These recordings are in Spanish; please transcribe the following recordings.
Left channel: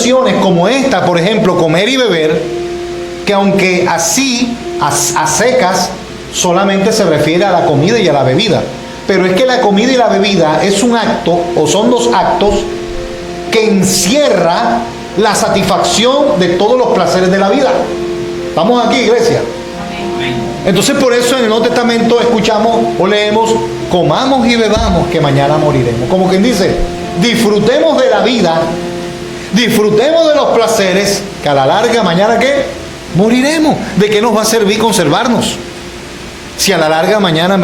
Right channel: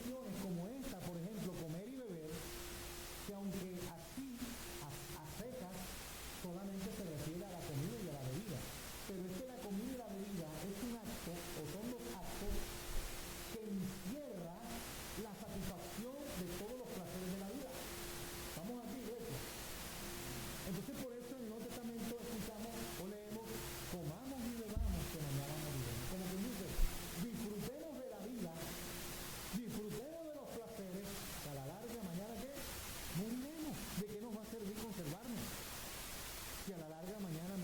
expresiones como esta, por ejemplo, comer y beber, que aunque así, a secas, solamente se refiere a la comida y a la bebida. Pero es que la comida y la bebida es un acto, o son dos actos, que encierra la satisfacción de todos los placeres de la vida. ¿Estamos aquí, iglesia? Entonces por eso en el Nuevo Testamento escuchamos o leemos: comamos y bebamos que mañana moriremos. Como quien dice, disfrutemos de la vida, disfrutemos de los placeres, que a la larga mañana ¿qué? Moriremos. ¿De qué nos va a servir conservarnos? Si a la larga mañana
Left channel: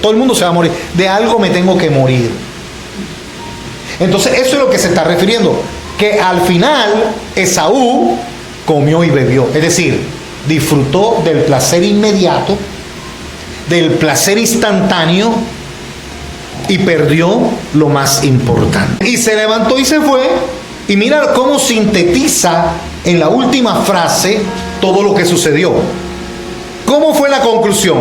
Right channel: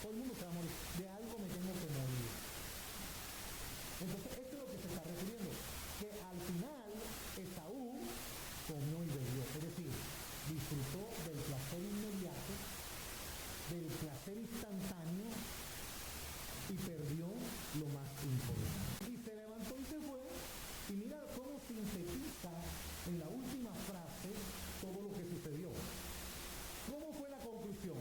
todo el mundo se va a morir. De algo me tengo que morir. Entonces eso es lo que se está refiriendo, que al final Esaú comió y bebió, es decir, disfrutó del placer inmediato, del placer instantáneo, y perdió lo más importante. Y se levantó y se fue, y mira cómo sintetiza en la última frase todo lo que sucedió. ¿Cómo fue la conclusión?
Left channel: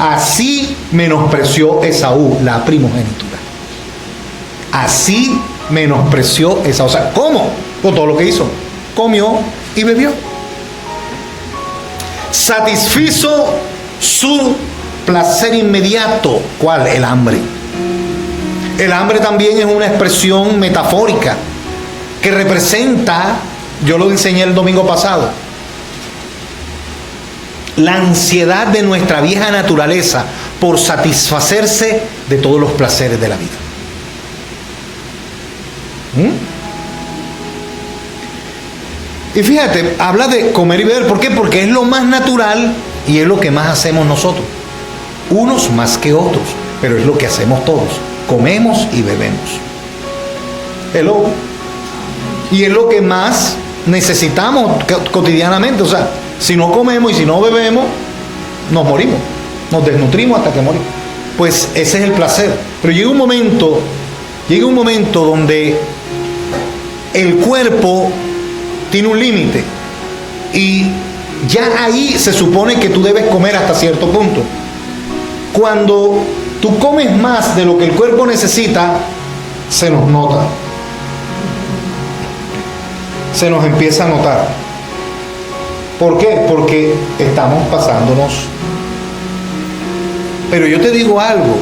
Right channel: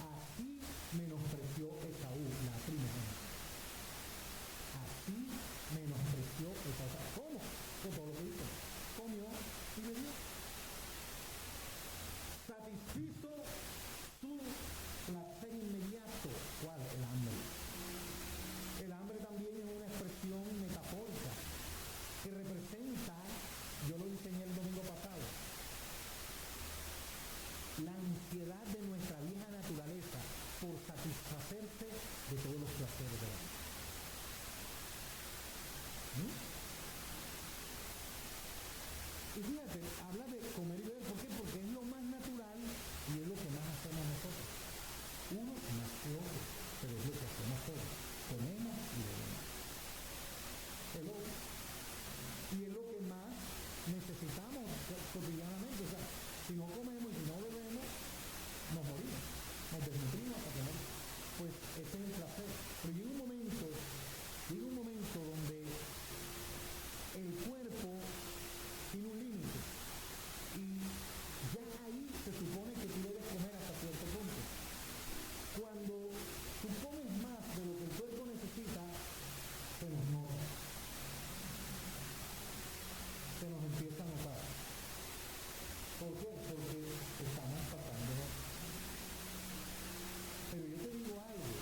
Así menospreció Esaú la primogenitura. Así menospreció Esaú. O sea, ¿cómo? Con todo lo que hizo. Comió y bebió. Satisfizo su placer inmediato. ¿Cuál? El hambre. El hambre también es una expresión metafórica que representa, yo lo enseñé el domingo pasado, la ansiedad de nuestra vieja naturaleza por satisfacerse de todos los placeres de la vida. Y fíjate, habla de comer y beber. ¿Por qué? Porque es lo más natural y es lo que más hacemos nosotros. Unos más que otros, pero es lo que hacemos todos. Comemos y bebemos. Hello. Y es lo que más necesitamos cotidianamente. O sea, si no comemos y si no bebemos, nos morimos. Nos desnutrimos hasta que morimos. Pues ese es el placer. Pero llega un momento donde el cuerpo tiene un límite. Y ya ahí se supone que tú debes comer hasta cierto punto. Cuando tú comes más de lo que el cuerpo necesita, se nos nota. Se nos empieza a notar. ¿Por qué? Porque estamos pasándonos. Pero yo te digo algo.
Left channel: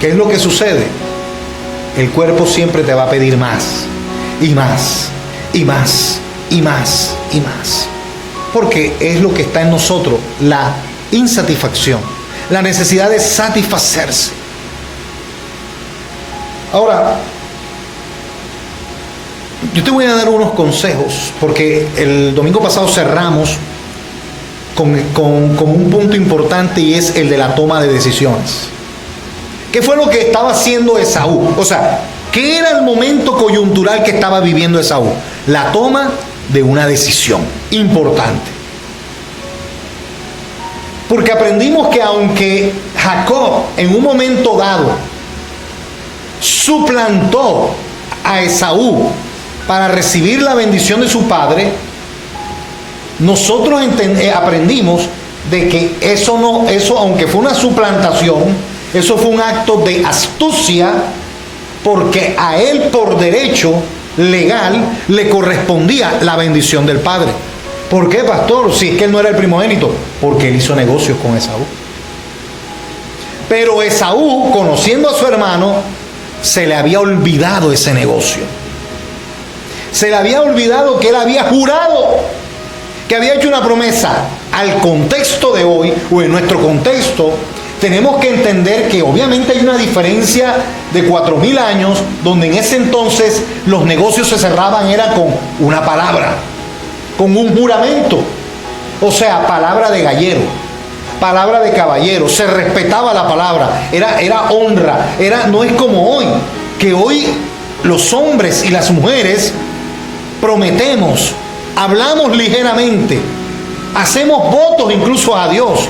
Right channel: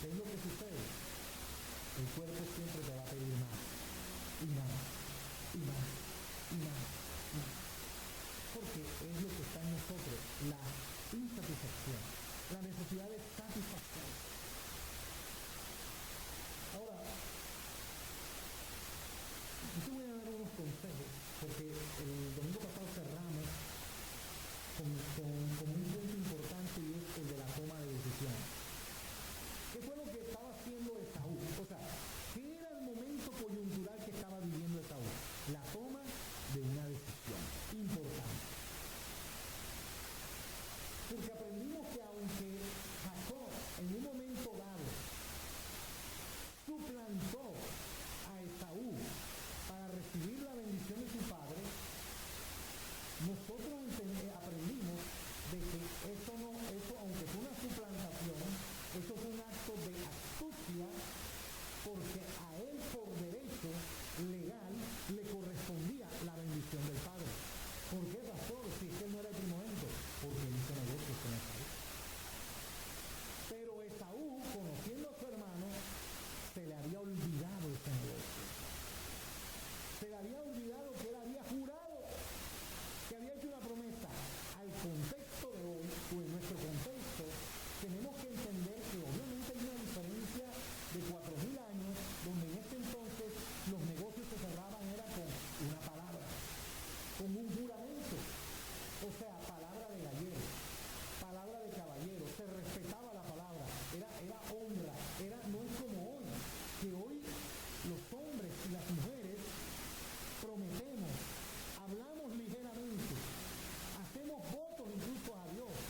¿Qué es lo que sucede? El cuerpo siempre te va a pedir más. Y más. Y más. Y más. Y más. Porque es lo que está en nosotros. La insatisfacción. La necesidad de satisfacerse. Ahora, yo te voy a dar unos consejos, porque el domingo pasado cerramos con un punto importante, y es el de la toma de decisiones. ¿Qué fue lo que estaba haciendo Esaú? O sea, ¿qué era el momento coyuntural que estaba viviendo Esaú? La toma de una decisión importante. Porque aprendimos que aunque Jacob en un momento dado suplantó a Esaú para recibir la bendición de su padre, nosotros aprendimos de que eso aunque fue una suplantación, eso fue un acto de astucia, porque a él por derecho legal le correspondía la bendición del padre. ¿Por qué, pastor? Si es que él no era el primogénito, porque él hizo negocios con Esaú. Pero Esaú, conociendo a su hermano, se le había olvidado ese negocio. Se le había olvidado que él había jurado, que había hecho una promesa. Al contexto de hoy, o en nuestro contexto, tenemos que entender que obviamente hay una diferencia de 4.000 años, donde en ese entonces los negocios se cerraban era con una palabra, con un juramento. O sea, palabra de gallero, palabra de caballero, se respetaba la palabra, era honra, no es como hoy, que hoy los hombres y las mujeres prometemos, hablamos ligeramente, hacemos votos incluso a Dios,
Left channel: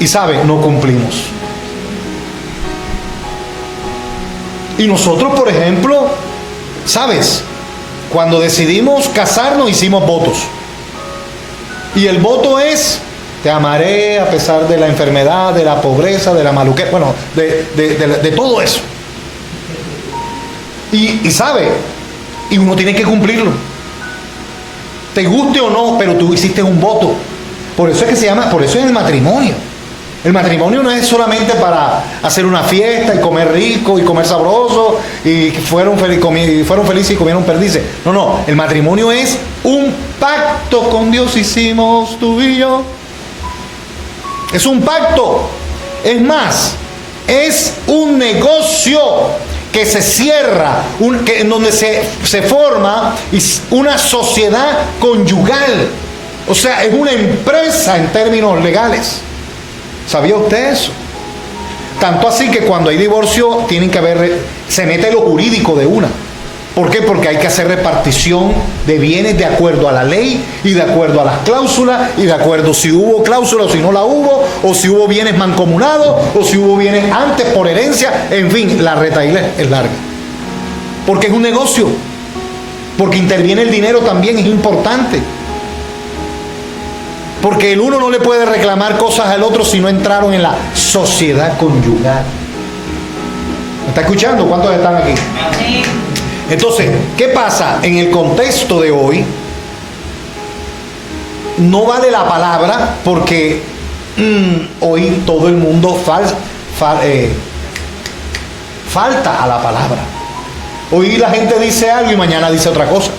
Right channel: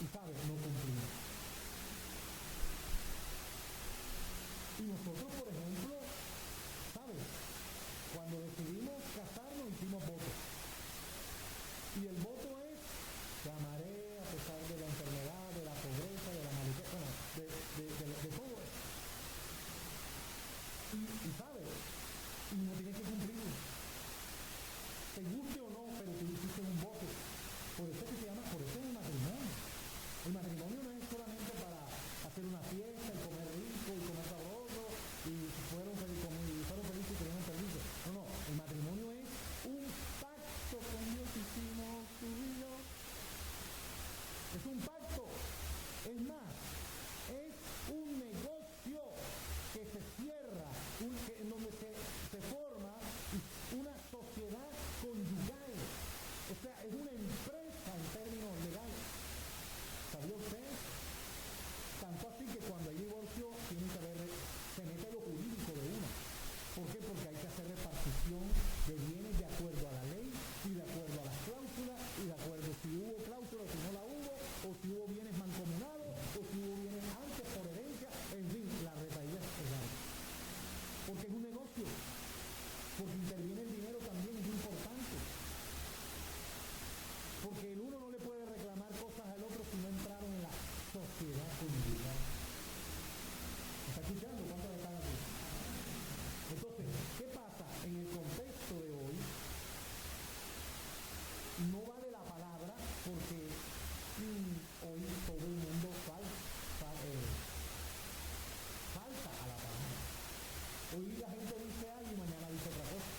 y ¿sabe? No cumplimos. Y nosotros, por ejemplo, ¿sabes? Cuando decidimos casarnos hicimos votos. Y el voto es: te amaré a pesar de la enfermedad, de la pobreza, de la maluquez, bueno, de todo eso. Y ¿sabe? Y uno tiene que cumplirlo. Te guste o no, pero tú hiciste un voto. Por eso es que se llama, por eso es el matrimonio. El matrimonio no es solamente para hacer una fiesta y comer rico y comer sabroso y fueron felices y comieron perdices. No, no. El matrimonio es un pacto con Dios hicimos tú y yo. Es un pacto. Es más, es un negocio que se cierra, en donde se forma una sociedad conyugal. O sea, es una empresa en términos legales. ¿Sabía usted eso? Tanto así que cuando hay divorcio se mete lo jurídico de una. ¿Por qué? Porque hay que hacer repartición de bienes de acuerdo a la ley y de acuerdo a las cláusulas y de acuerdo si hubo cláusula o si no la hubo, o si hubo bienes mancomunados o si hubo bienes antes por herencia. En fin, la retaíla es larga. Porque es un negocio. Porque interviene el dinero también, es importante. Porque el uno no le puede reclamar cosas al otro si no entraron en la sociedad conyugal. ¿Me está escuchando? ¿Cuántos están aquí? Entonces, ¿qué pasa? En el contexto de hoy, no vale la palabra porque hoy todo el mundo falta a la palabra. Hoy la gente dice algo y mañana dice otra cosa.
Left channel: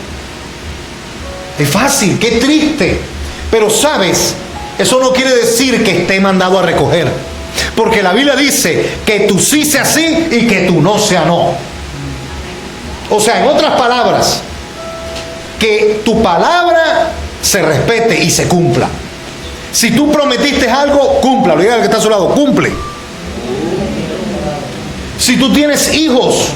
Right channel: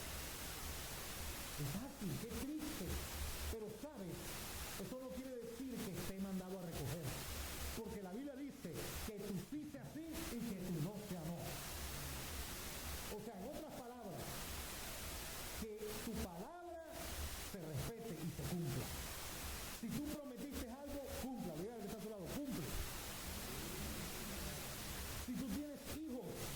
Es fácil, qué triste. Pero sabes, eso no quiere decir que esté mandado a recoger. Porque la Biblia dice que tú sí sea sí y que tú no sea no. O sea, en otras palabras, que tu palabra se respete y se cumpla. Si tú prometiste algo, cúmplalo. Diga al que está a su lado, cumple. Si tú tienes hijos,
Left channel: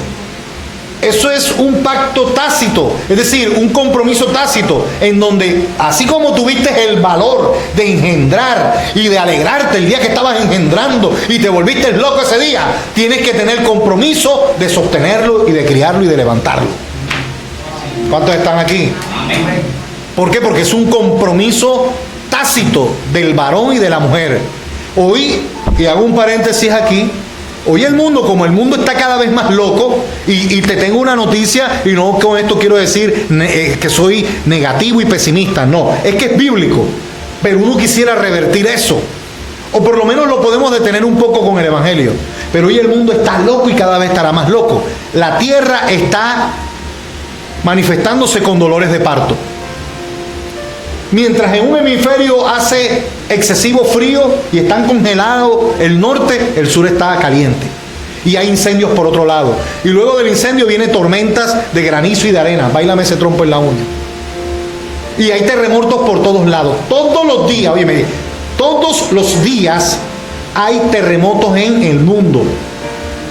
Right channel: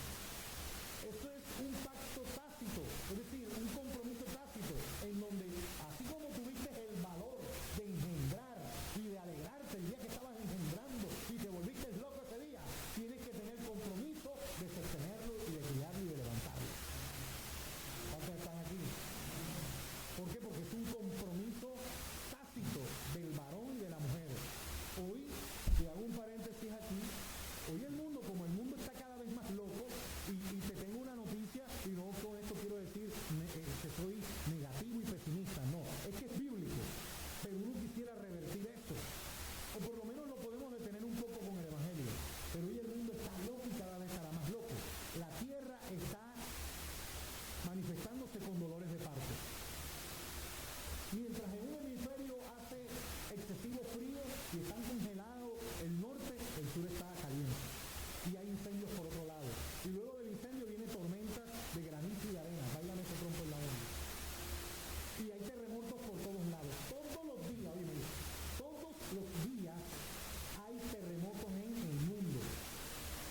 eso es un pacto tácito, es decir, un compromiso tácito, en donde así como tuviste el valor de engendrar y de alegrarte el día que estabas engendrando y te volviste loco ese día, tienes que tener compromiso de sostenerlo y de criarlo y de levantarlo. ¿Cuántos están aquí? ¿Por qué? Porque es un compromiso tácito del varón y de la mujer. Hoy, y hago un paréntesis aquí, hoy el mundo, como el mundo está cada vez más loco, y te tengo una noticia, y no con esto quiero decir que soy negativo y pesimista, no, es que es bíblico, pero uno quisiera revertir eso, o por lo menos lo podemos detener un poco con el Evangelio, pero hoy el mundo está loco y cada vez estará más loco. La tierra está manifestándose con dolores de parto. Mientras en un hemisferio hace excesivo frío y están congelados el norte, el sur está caliente. Y hay incendios por otro lado. Y luego del incendio vienen tormentas de granizo y de arena. Báilame ese trompo en la uña. Y hay terremotos por todos lados. Todos los días, oye, todos los días hay terremotos en el mundo.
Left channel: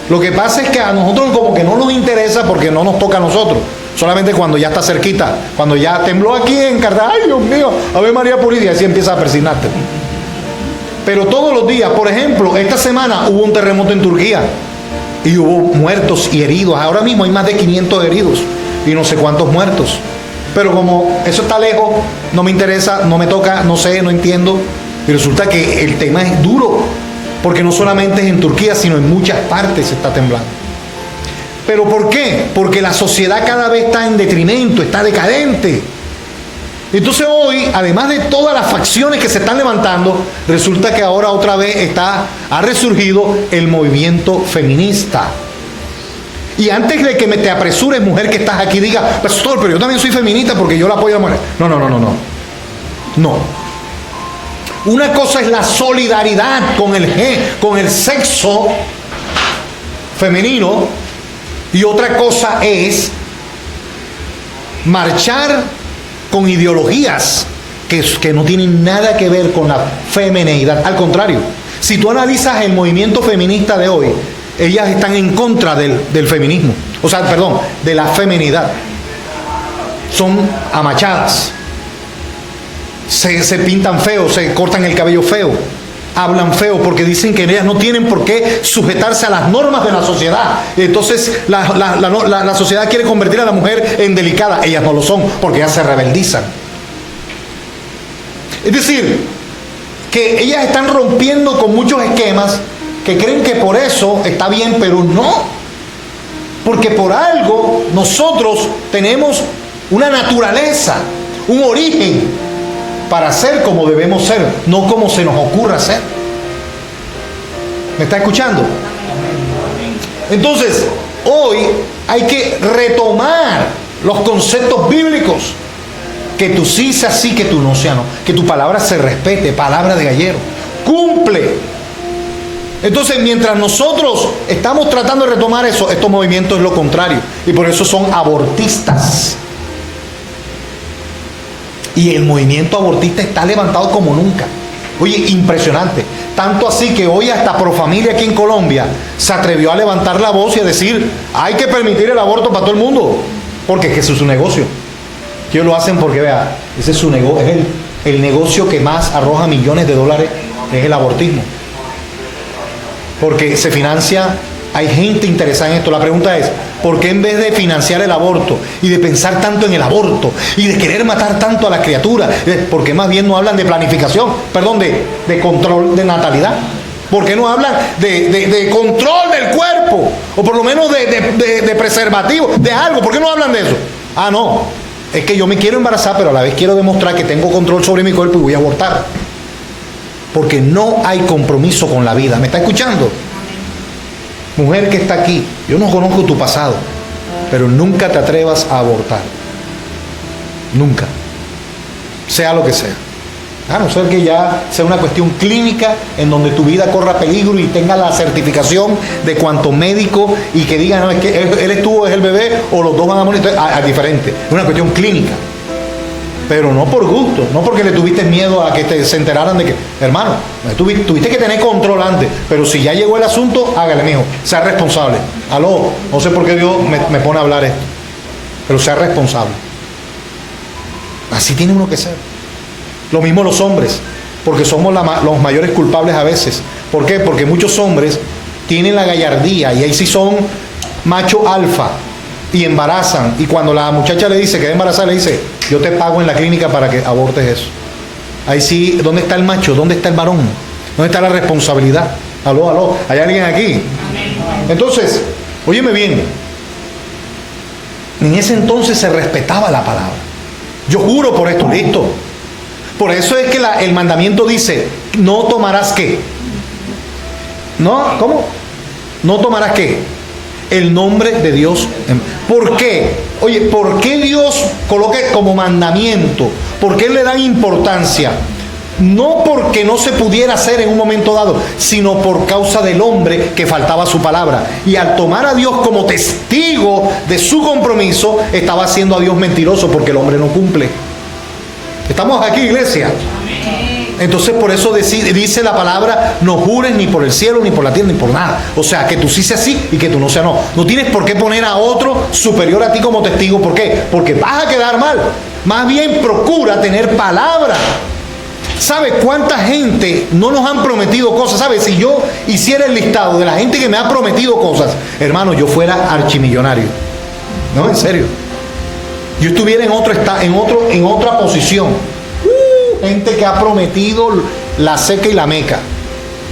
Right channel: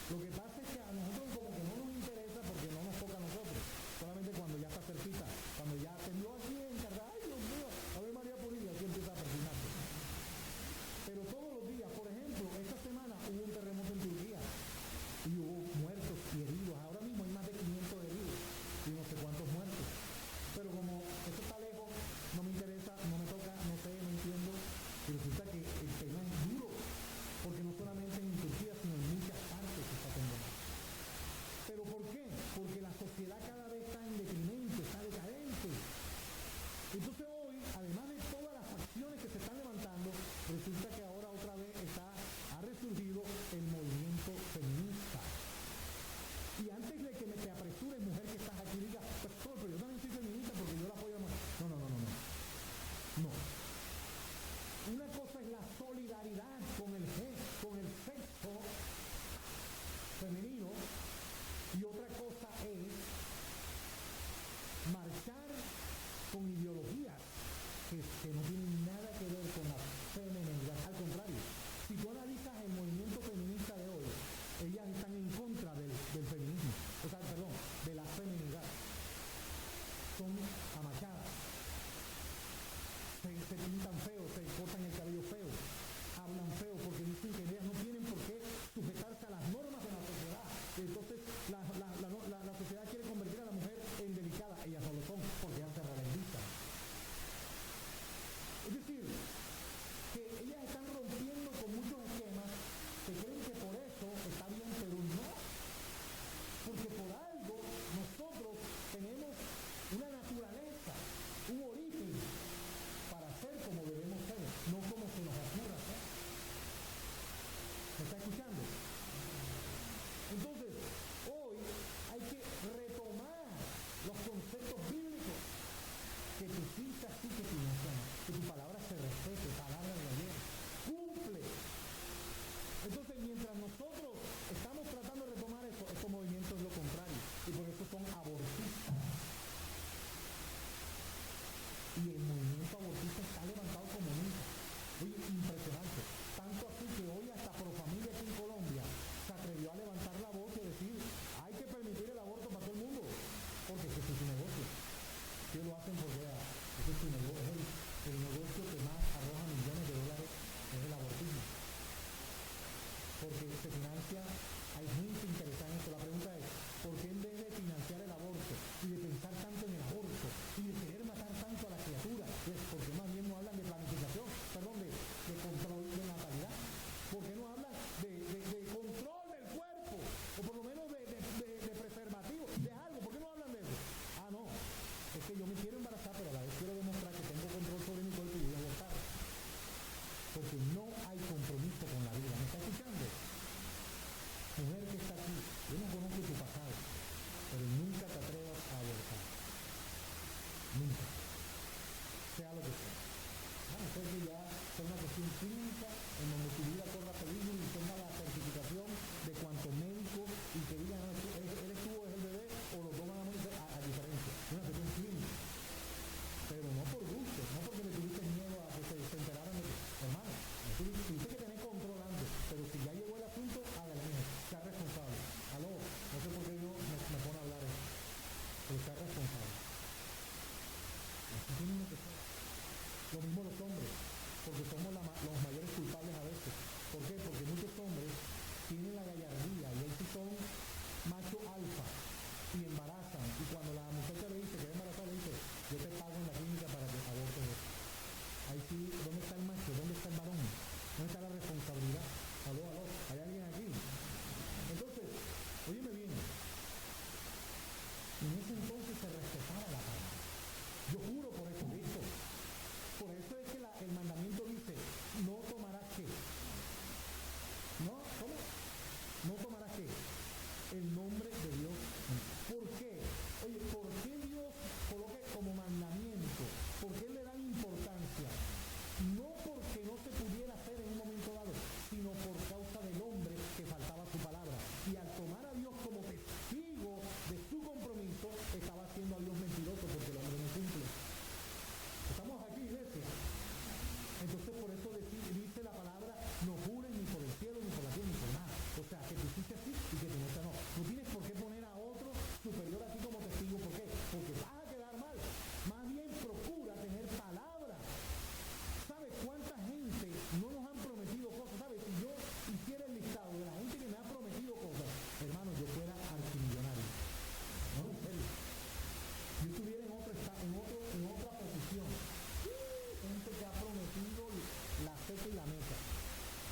Lo que pasa es que a nosotros como que no nos interesa porque no nos toca a nosotros. Solamente cuando ya está cerquita, cuando ya tembló aquí en Cartagena, ay Dios mío, Ave María Purísima, y así empieza a persignarte. Pero todos los días, por ejemplo, esta semana hubo un terremoto en Turquía y hubo muertos y heridos. Ahora mismo hay más de 500 heridos y no sé cuántos muertos. Pero como eso está lejos, no me interesa, no me toca, no sé, no entiendo. Y resulta que el tema es duro, porque no solamente es en Turquía, sino en muchas partes se está temblando. ¿Pero por qué? Porque la sociedad cada vez está en detrimento, está decadente. Entonces hoy, además de todas las facciones que se están levantando, resulta que ahora otra vez ha resurgido el movimiento feminista. Y antes de que te apresures, mujer que estás aquí, diga, pastor, pero yo también soy feminista porque yo la apoyo a la mujer. No. Una cosa es la solidaridad con el sexo femenino, y otra cosa es marchar con ideologías que no tienen nada que ver con la femineidad. Al contrario, si tú analizas el movimiento feminista de hoy, ellas están en contra del feminismo. O sea, perdón, de la feminidad. Son amachadas. Se pintan feo, se cortan el cabello feo. Hablan feo porque dicen que ellas no tienen por qué sujetarse a las normas de la sociedad. Entonces la sociedad quiere convertir a la mujer en delicada. Ellas no lo son porque ellas se rebeldizan. Es decir, que ellas están rompiendo con muchos esquemas que creen que por eso está bien, pero no. Porque por algo nosotros tenemos una naturaleza, un origen para ser como debemos ser, no como se nos ocurra ser. ¿Me está escuchando? Entonces, hoy hay que retomar los conceptos bíblicos. Que tú sí seas sí, que tú no seas no. Que tu palabra se respete, palabra de gallero. Cumple. Entonces, mientras nosotros estamos tratando de retomar eso, estos movimientos es lo contrario. Y por eso son abortistas. Y el movimiento abortista está levantado como nunca. Oye, impresionante. Tanto así que hoy hasta Profamilia aquí en Colombia se atrevió a levantar la voz y a decir, hay que permitir el aborto para todo el mundo. Porque es que eso es su negocio. Ellos lo hacen porque, vea, ese es su negocio, es el negocio que más arroja millones de dólares, es el abortismo. Porque se financia, hay gente interesada en esto. La pregunta es, ¿por qué en vez de financiar el aborto y de pensar tanto en el aborto y de querer matar tanto a las criaturas, por qué más bien no hablan de planificación, perdón, de control de natalidad? ¿Por qué no hablan de control del cuerpo? O por lo menos de preservativo, de algo. ¿Por qué no hablan de eso? Ah, no, es que yo me quiero embarazar, pero a la vez quiero demostrar que tengo control sobre mi cuerpo y voy a abortar. Porque no hay compromiso con la vida. ¿Me está escuchando? Mujer que está aquí, yo no conozco tu pasado, pero nunca te atrevas a abortar. Nunca. Sea lo que sea. A no ser que ya sea una cuestión clínica en donde tu vida corra peligro y tenga la certificación de cuanto médico y que digan, no, es que él estuvo, es el bebé, o los dos van a morir. Es diferente. Es una cuestión clínica. Pero no por gusto, no porque le tuviste miedo a que se enteraran de que, hermano, tuviste que tener control antes, pero si ya llegó el asunto, hágale, mijo, sea responsable. Aló, no sé por qué Dios me pone a hablar esto, pero sea responsable. Así tiene uno que ser. Lo mismo los hombres, porque somos los mayores culpables a veces. ¿Por qué? Porque muchos hombres tienen la gallardía y ahí sí son macho alfa. Y embarazan, y cuando la muchacha le dice que va a embarazar, le dice, yo te pago en la clínica para que abortes eso. Ahí sí, ¿dónde está el macho? ¿Dónde está el varón? ¿Dónde está la responsabilidad? Aló, ¿hay alguien aquí? Entonces, óyeme bien, en ese entonces se respetaba la palabra. Yo juro por esto, listo. Por eso es que el mandamiento dice, no tomarás ¿qué? ¿No? ¿Cómo? No tomarás ¿qué? El nombre de Dios. ¿Por qué? Oye, ¿por qué Dios coloca como mandamiento? ¿Por qué le dan importancia? No porque no se pudiera hacer en un momento dado, sino por causa del hombre que faltaba su palabra. Y al tomar a Dios como testigo de su compromiso, estaba haciendo a Dios mentiroso porque el hombre no cumple. ¿Estamos aquí, iglesia? Entonces por eso dice la palabra, no jures ni por el cielo, ni por la tierra, ni por nada. O sea, que tú sí seas sí y que tú no seas no. No tienes por qué poner a otro superior a ti como testigo. ¿Por qué? Porque vas a quedar mal. Más bien procura tener palabra. ¿Sabe cuánta gente no nos han prometido cosas? ¿Sabe? Si yo hiciera el listado de la gente que me ha prometido cosas, hermano, yo fuera archimillonario. No, en serio. Yo estuviera en otra posición. Gente que ha prometido la seca y la meca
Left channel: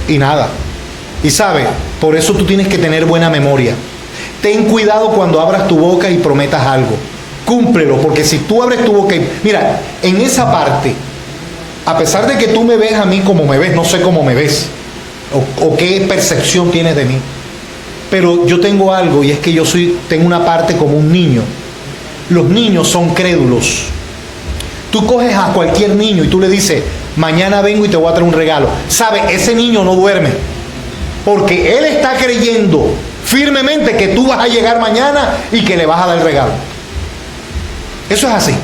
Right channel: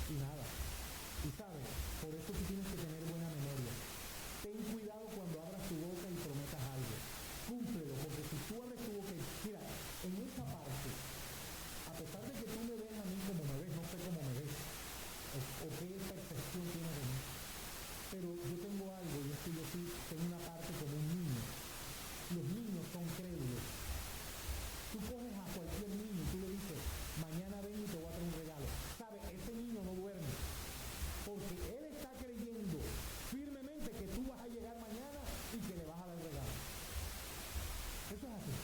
y nada. Y sabe, por eso tú tienes que tener buena memoria. Ten cuidado cuando abras tu boca y prometas algo. Cúmplelo, porque si tú abres tu boca y... Mira, en esa parte, a pesar de que tú me ves a mí como me ves, no sé cómo me ves o qué percepción tienes de mí, pero yo tengo algo y es que tengo una parte como un niño. Los niños son crédulos. Tú coges a cualquier niño y tú le dices, mañana vengo y te voy a traer un regalo. ¿Sabe? Ese niño no duerme. Porque él está creyendo firmemente que tú vas a llegar mañana y que le vas a dar el regalo. Eso es así.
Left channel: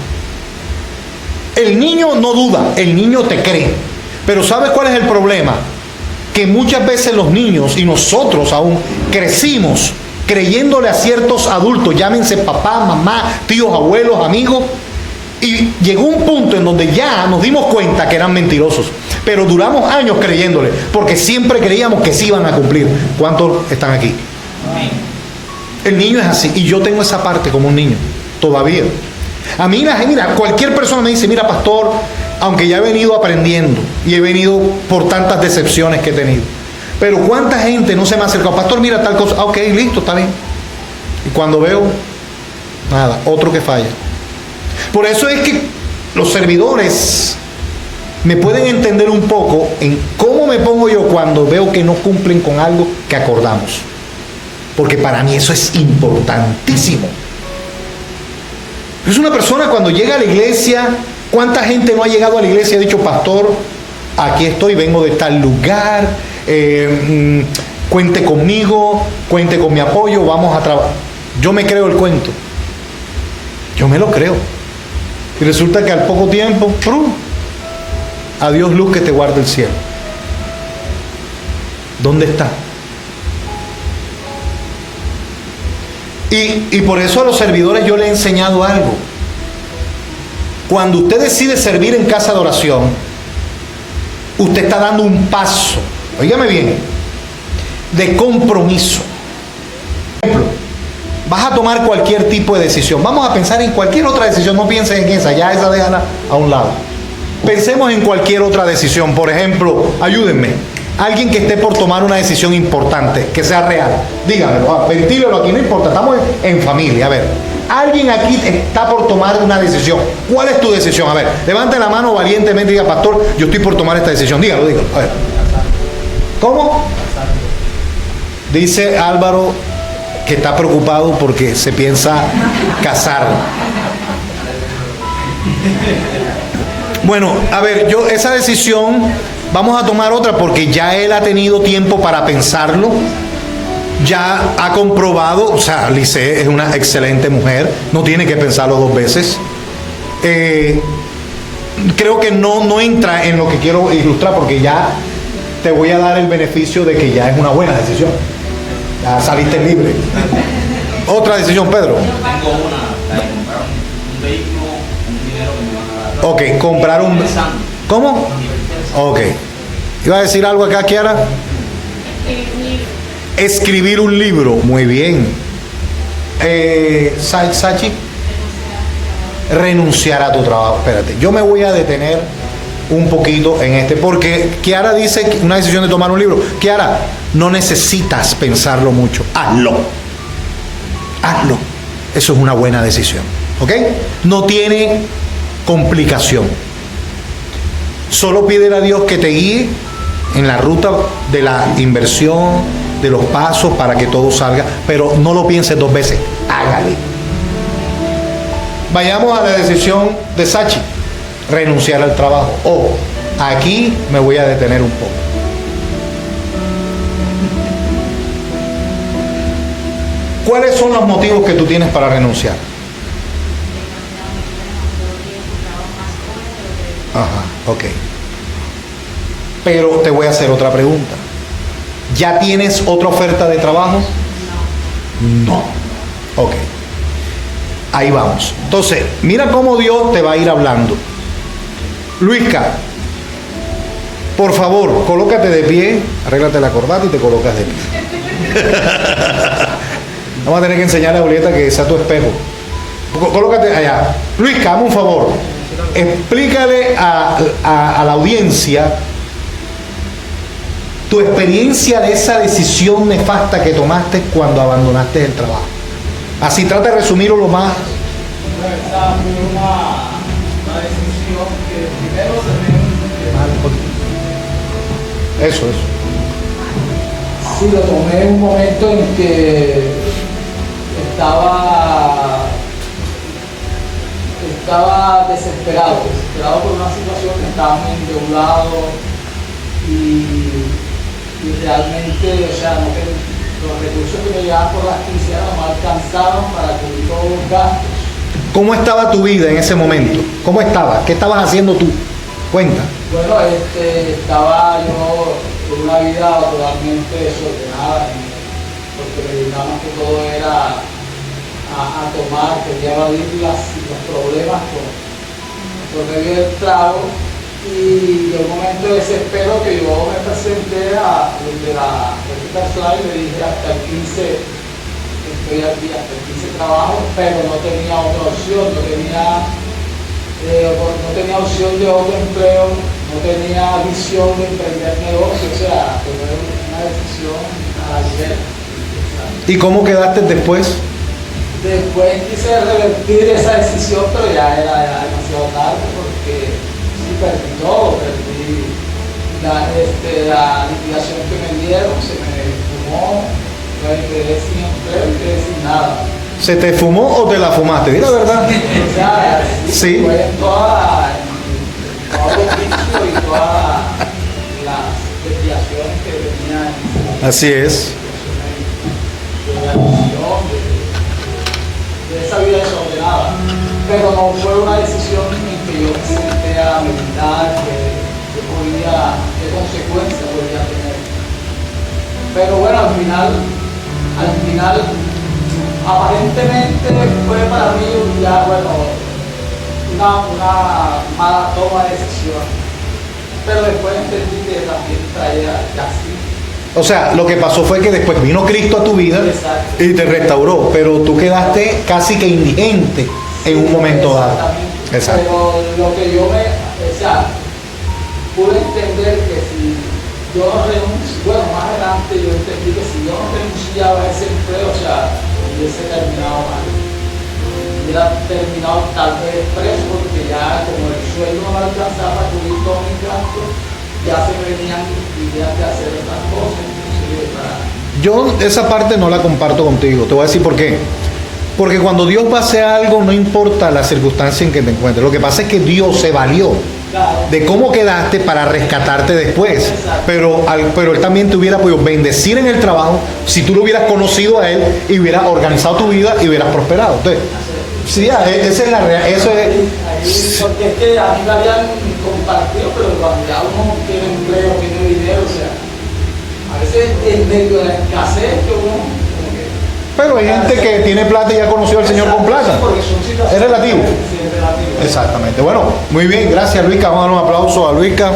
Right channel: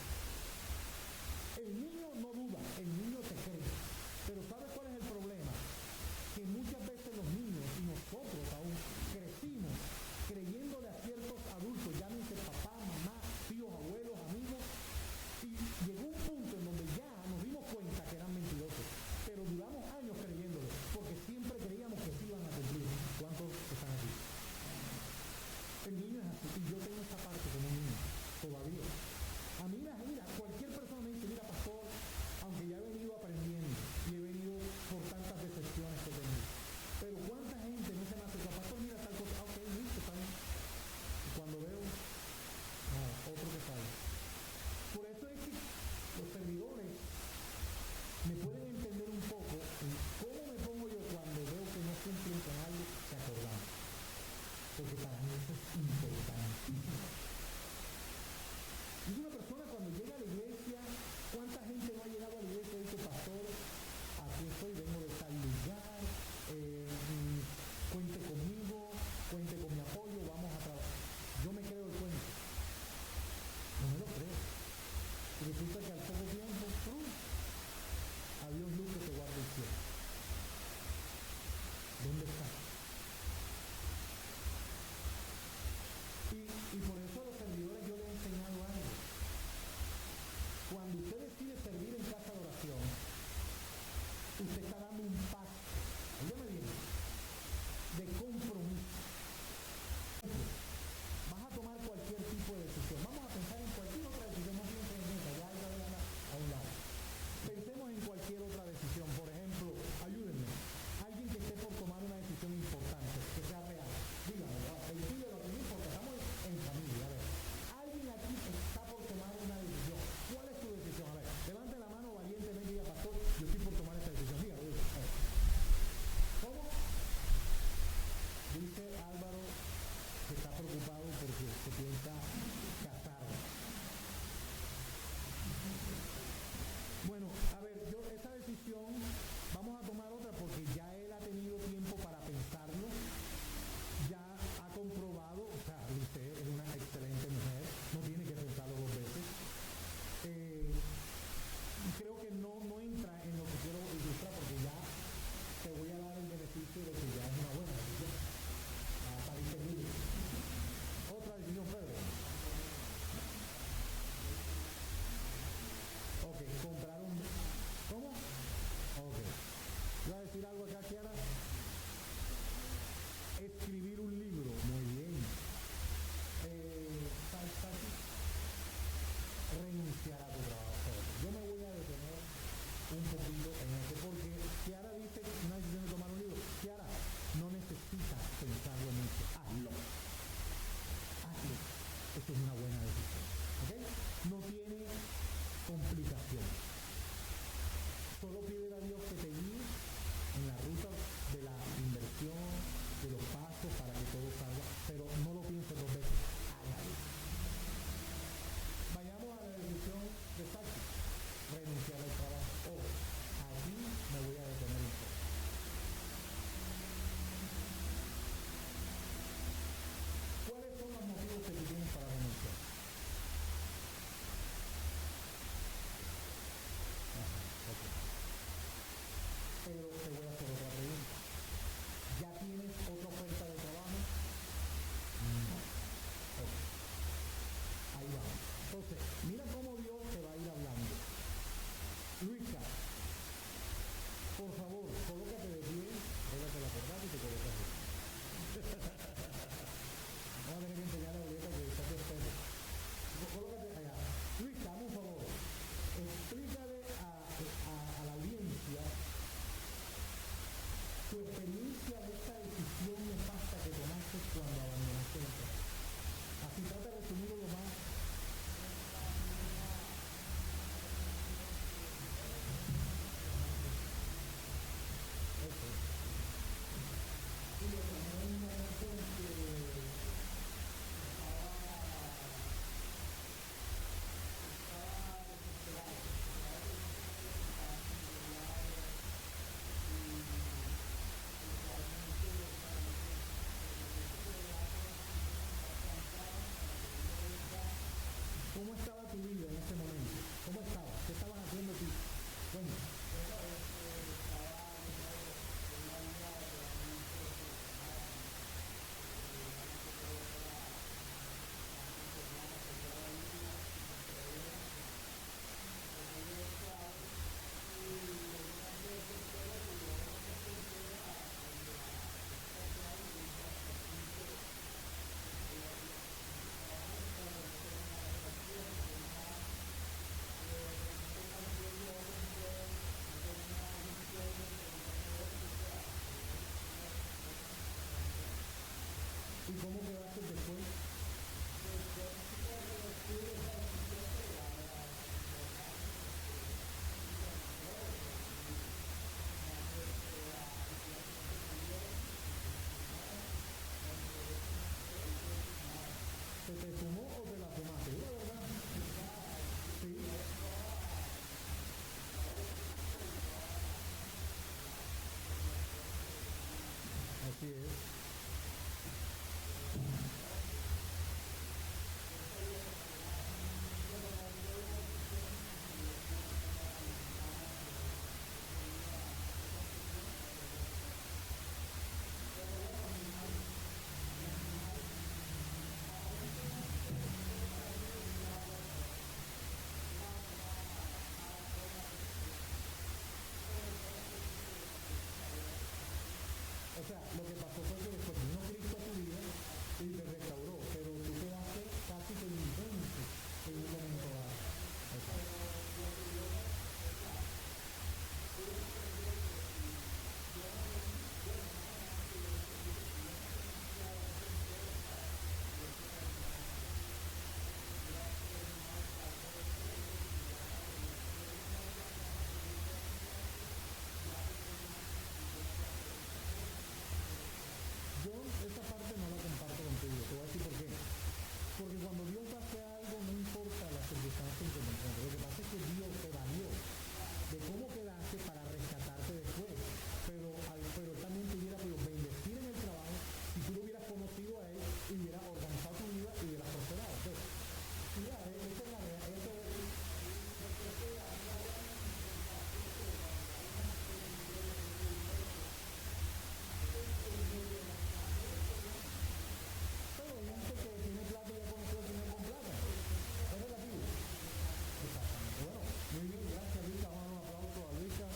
El niño no duda, el niño te cree. Pero ¿sabes cuál es el problema? Que muchas veces los niños, y nosotros aún, crecimos creyéndole a ciertos adultos, llámense papá, mamá, tíos, abuelos, amigos, y llegó un punto en donde ya nos dimos cuenta que eran mentirosos, pero duramos años creyéndole, porque siempre creíamos que sí iban a cumplir. ¿Cuántos están aquí? El niño es así, y yo tengo esa parte como un niño, todavía. A mí, mira, cualquier persona me dice, mira, pastor, aunque ya he venido aprendiendo, y he venido por tantas decepciones que he tenido, pero cuánta gente no se me ha acercado, pastor, mira tal cosa, ok, listo, está bien. Y cuando veo, nada, otro que falla. Por eso es que los servidores me pueden entender un poco en cómo me pongo yo cuando veo que no cumplen con algo que acordamos. Porque para mí eso es importantísimo. Es una persona cuando llega a la iglesia, ¿cuánta gente no ha llegado a la iglesia y ha dicho, pastor, aquí estoy, vengo de tal lugar, cuente conmigo, cuente con mi apoyo, vamos a trabajar? Yo me creo el cuento. Yo me lo creo. Y resulta que al poco tiempo, ¡prum!, adiós luz que te guarde el cielo. ¿Dónde está? Y por eso a los servidores yo le he enseñado algo. Cuando usted decide servir en casa de oración, usted está dando un paso, óigame bien, de compromiso. Por ejemplo, vas a tomar cualquier tipo de decisión. Vamos a pensar en cualquier otra decisión, no pienses en esa, ya esa déjala a un lado. Pensemos en cualquier otra decisión. Por ejemplo, ayúdenme, alguien que esté por tomar una decisión importante, que sea real, dígamelo, ventílelo aquí, no importa, estamos en familia. A ver, alguien aquí está por tomar una decisión. ¿Cuál es tu decisión? A ver, levante la mano valientemente y diga, pastor, yo estoy por tomar esta decisión. Dígalo, a ver. ¿Cómo? Dice Álvaro que está preocupado porque se piensa casar. Bueno, a ver, yo esa decisión vamos a tomar otra porque ya él ha tenido tiempo para pensarlo, ya ha comprobado, o sea, Lice es una excelente mujer, no tiene que pensarlo dos veces. Creo que no entra en lo que quiero ilustrar porque ya te voy a dar el beneficio de que ya es una buena decisión. Ya saliste libre. Otra decisión, Pedro. Tengo una, comprar un vehículo, un dinero que me van a dar. Ok, comprar un... ¿Cómo? Ok. ¿Iba a decir algo acá, Kiara? Escribir un libro. Muy bien. Sachi. Renunciar a tu trabajo. Espérate, yo me voy a detener un poquito en porque Kiara dice que una decisión de tomar un libro. Kiara, no necesitas pensarlo mucho. Hazlo. Eso es una buena decisión. ¿Ok? No tiene complicación. Solo pídele a Dios que te guíe en la ruta de la inversión, de los pasos para que todo salga, pero no lo pienses dos veces. Hágale. Vayamos a la decisión de Sachi. Renunciar al trabajo. Aquí me voy a detener un poco. ¿Cuáles son los motivos que tú tienes para renunciar? Ajá, ok. Pero te voy a hacer otra pregunta. ¿Ya tienes otra oferta de trabajo? No. Ok. Ahí vamos. Entonces, mira cómo Dios te va a ir hablando. Luisca, por favor, colócate de pie, arréglate la corbata y te colocas de pie. Vamos a tener que enseñarle a Julieta que sea tu espejo. Colócate allá. Luisca, hazme un favor. Explícale a la audiencia tu experiencia de esa decisión nefasta que tomaste cuando abandonaste el trabajo. Así trata de resumirlo lo más. Esa fue una decisión que primero se Eso. Sí, lo tomé en un momento en que estaba desesperado por una situación que estaba muy endeudado y realmente, o sea, los recursos que me llegaban por las quincenas no me alcanzaban para cubrir todos los gastos. ¿Cómo estaba tu vida en ese momento? ¿Cómo estaba? ¿Qué estabas haciendo tú? Cuenta. Bueno, estaba yo en una vida totalmente desordenada, porque me dedicaba más que todo era a tomar, quería evadir los problemas por medio del trago, y de un momento de desespero que yo me presenté a donde la persona y le dije hasta el 15 estoy aquí, hasta el 15 trabajo, pero no tenía otra opción, no tenía opción de otro empleo, no tenía visión de emprender negocio, o sea, fue una decisión a la ligera. ¿Y cómo quedaste después? Después quise revertir esa decisión, pero ya era demasiado tarde porque sí, perdí todo, perdí la liquidación que me dieron, se me fumó, me quedé sin empleo y quedé sin nada. ¿Se te fumó o te la fumaste? Di la verdad. O sea, Sí. fue en todos los vicios y todas las desviaciones que venían Así es. de la adicción, de esa vida desordenada. Pero no fue una decisión en que yo me senté a meditar qué consecuencias podría tener. Pero bueno, al final, aparentemente fue para mí ya, bueno, una mala toma de decisión. Pero después entendí que también traía casi. O sea, lo que pasó fue que después vino Cristo a tu vida. Exacto. Y te restauró, pero tú quedaste casi que indigente en un momento dado. Exacto. Pero lo que yo pude entender que si yo no renuncio, bueno, más adelante yo entendí que si yo no renunciaba a ese empleo, hubiese terminado mal. Hubiera terminado tal vez preso porque ya como el sueldo no me alcanzaba para cubrir todos mis gastos, ya se me venían ideas de hacer otras cosas, inclusive para... Yo esa parte no la comparto contigo. Te voy a decir por qué. Porque cuando Dios va a hacer algo, no importa la circunstancia en que te encuentres. Lo que pasa es que Dios se valió de cómo quedaste para rescatarte después. Pero Él también te hubiera podido bendecir en el trabajo si tú lo hubieras conocido a Él y hubieras organizado tu vida y hubieras prosperado. Entonces, sí, esa es la realidad. Eso es... Porque es que a mí me habían compartido, pero cuando ya uno tiene empleo, tiene dinero, a veces en medio de la escasez que uno... Pero hay gente que tiene plata y ya conoció al Señor con plata. Es relativo. Sí, es relativo. Exactamente. Bueno, muy bien, gracias Luisca. Vamos a dar un aplauso a Luisca.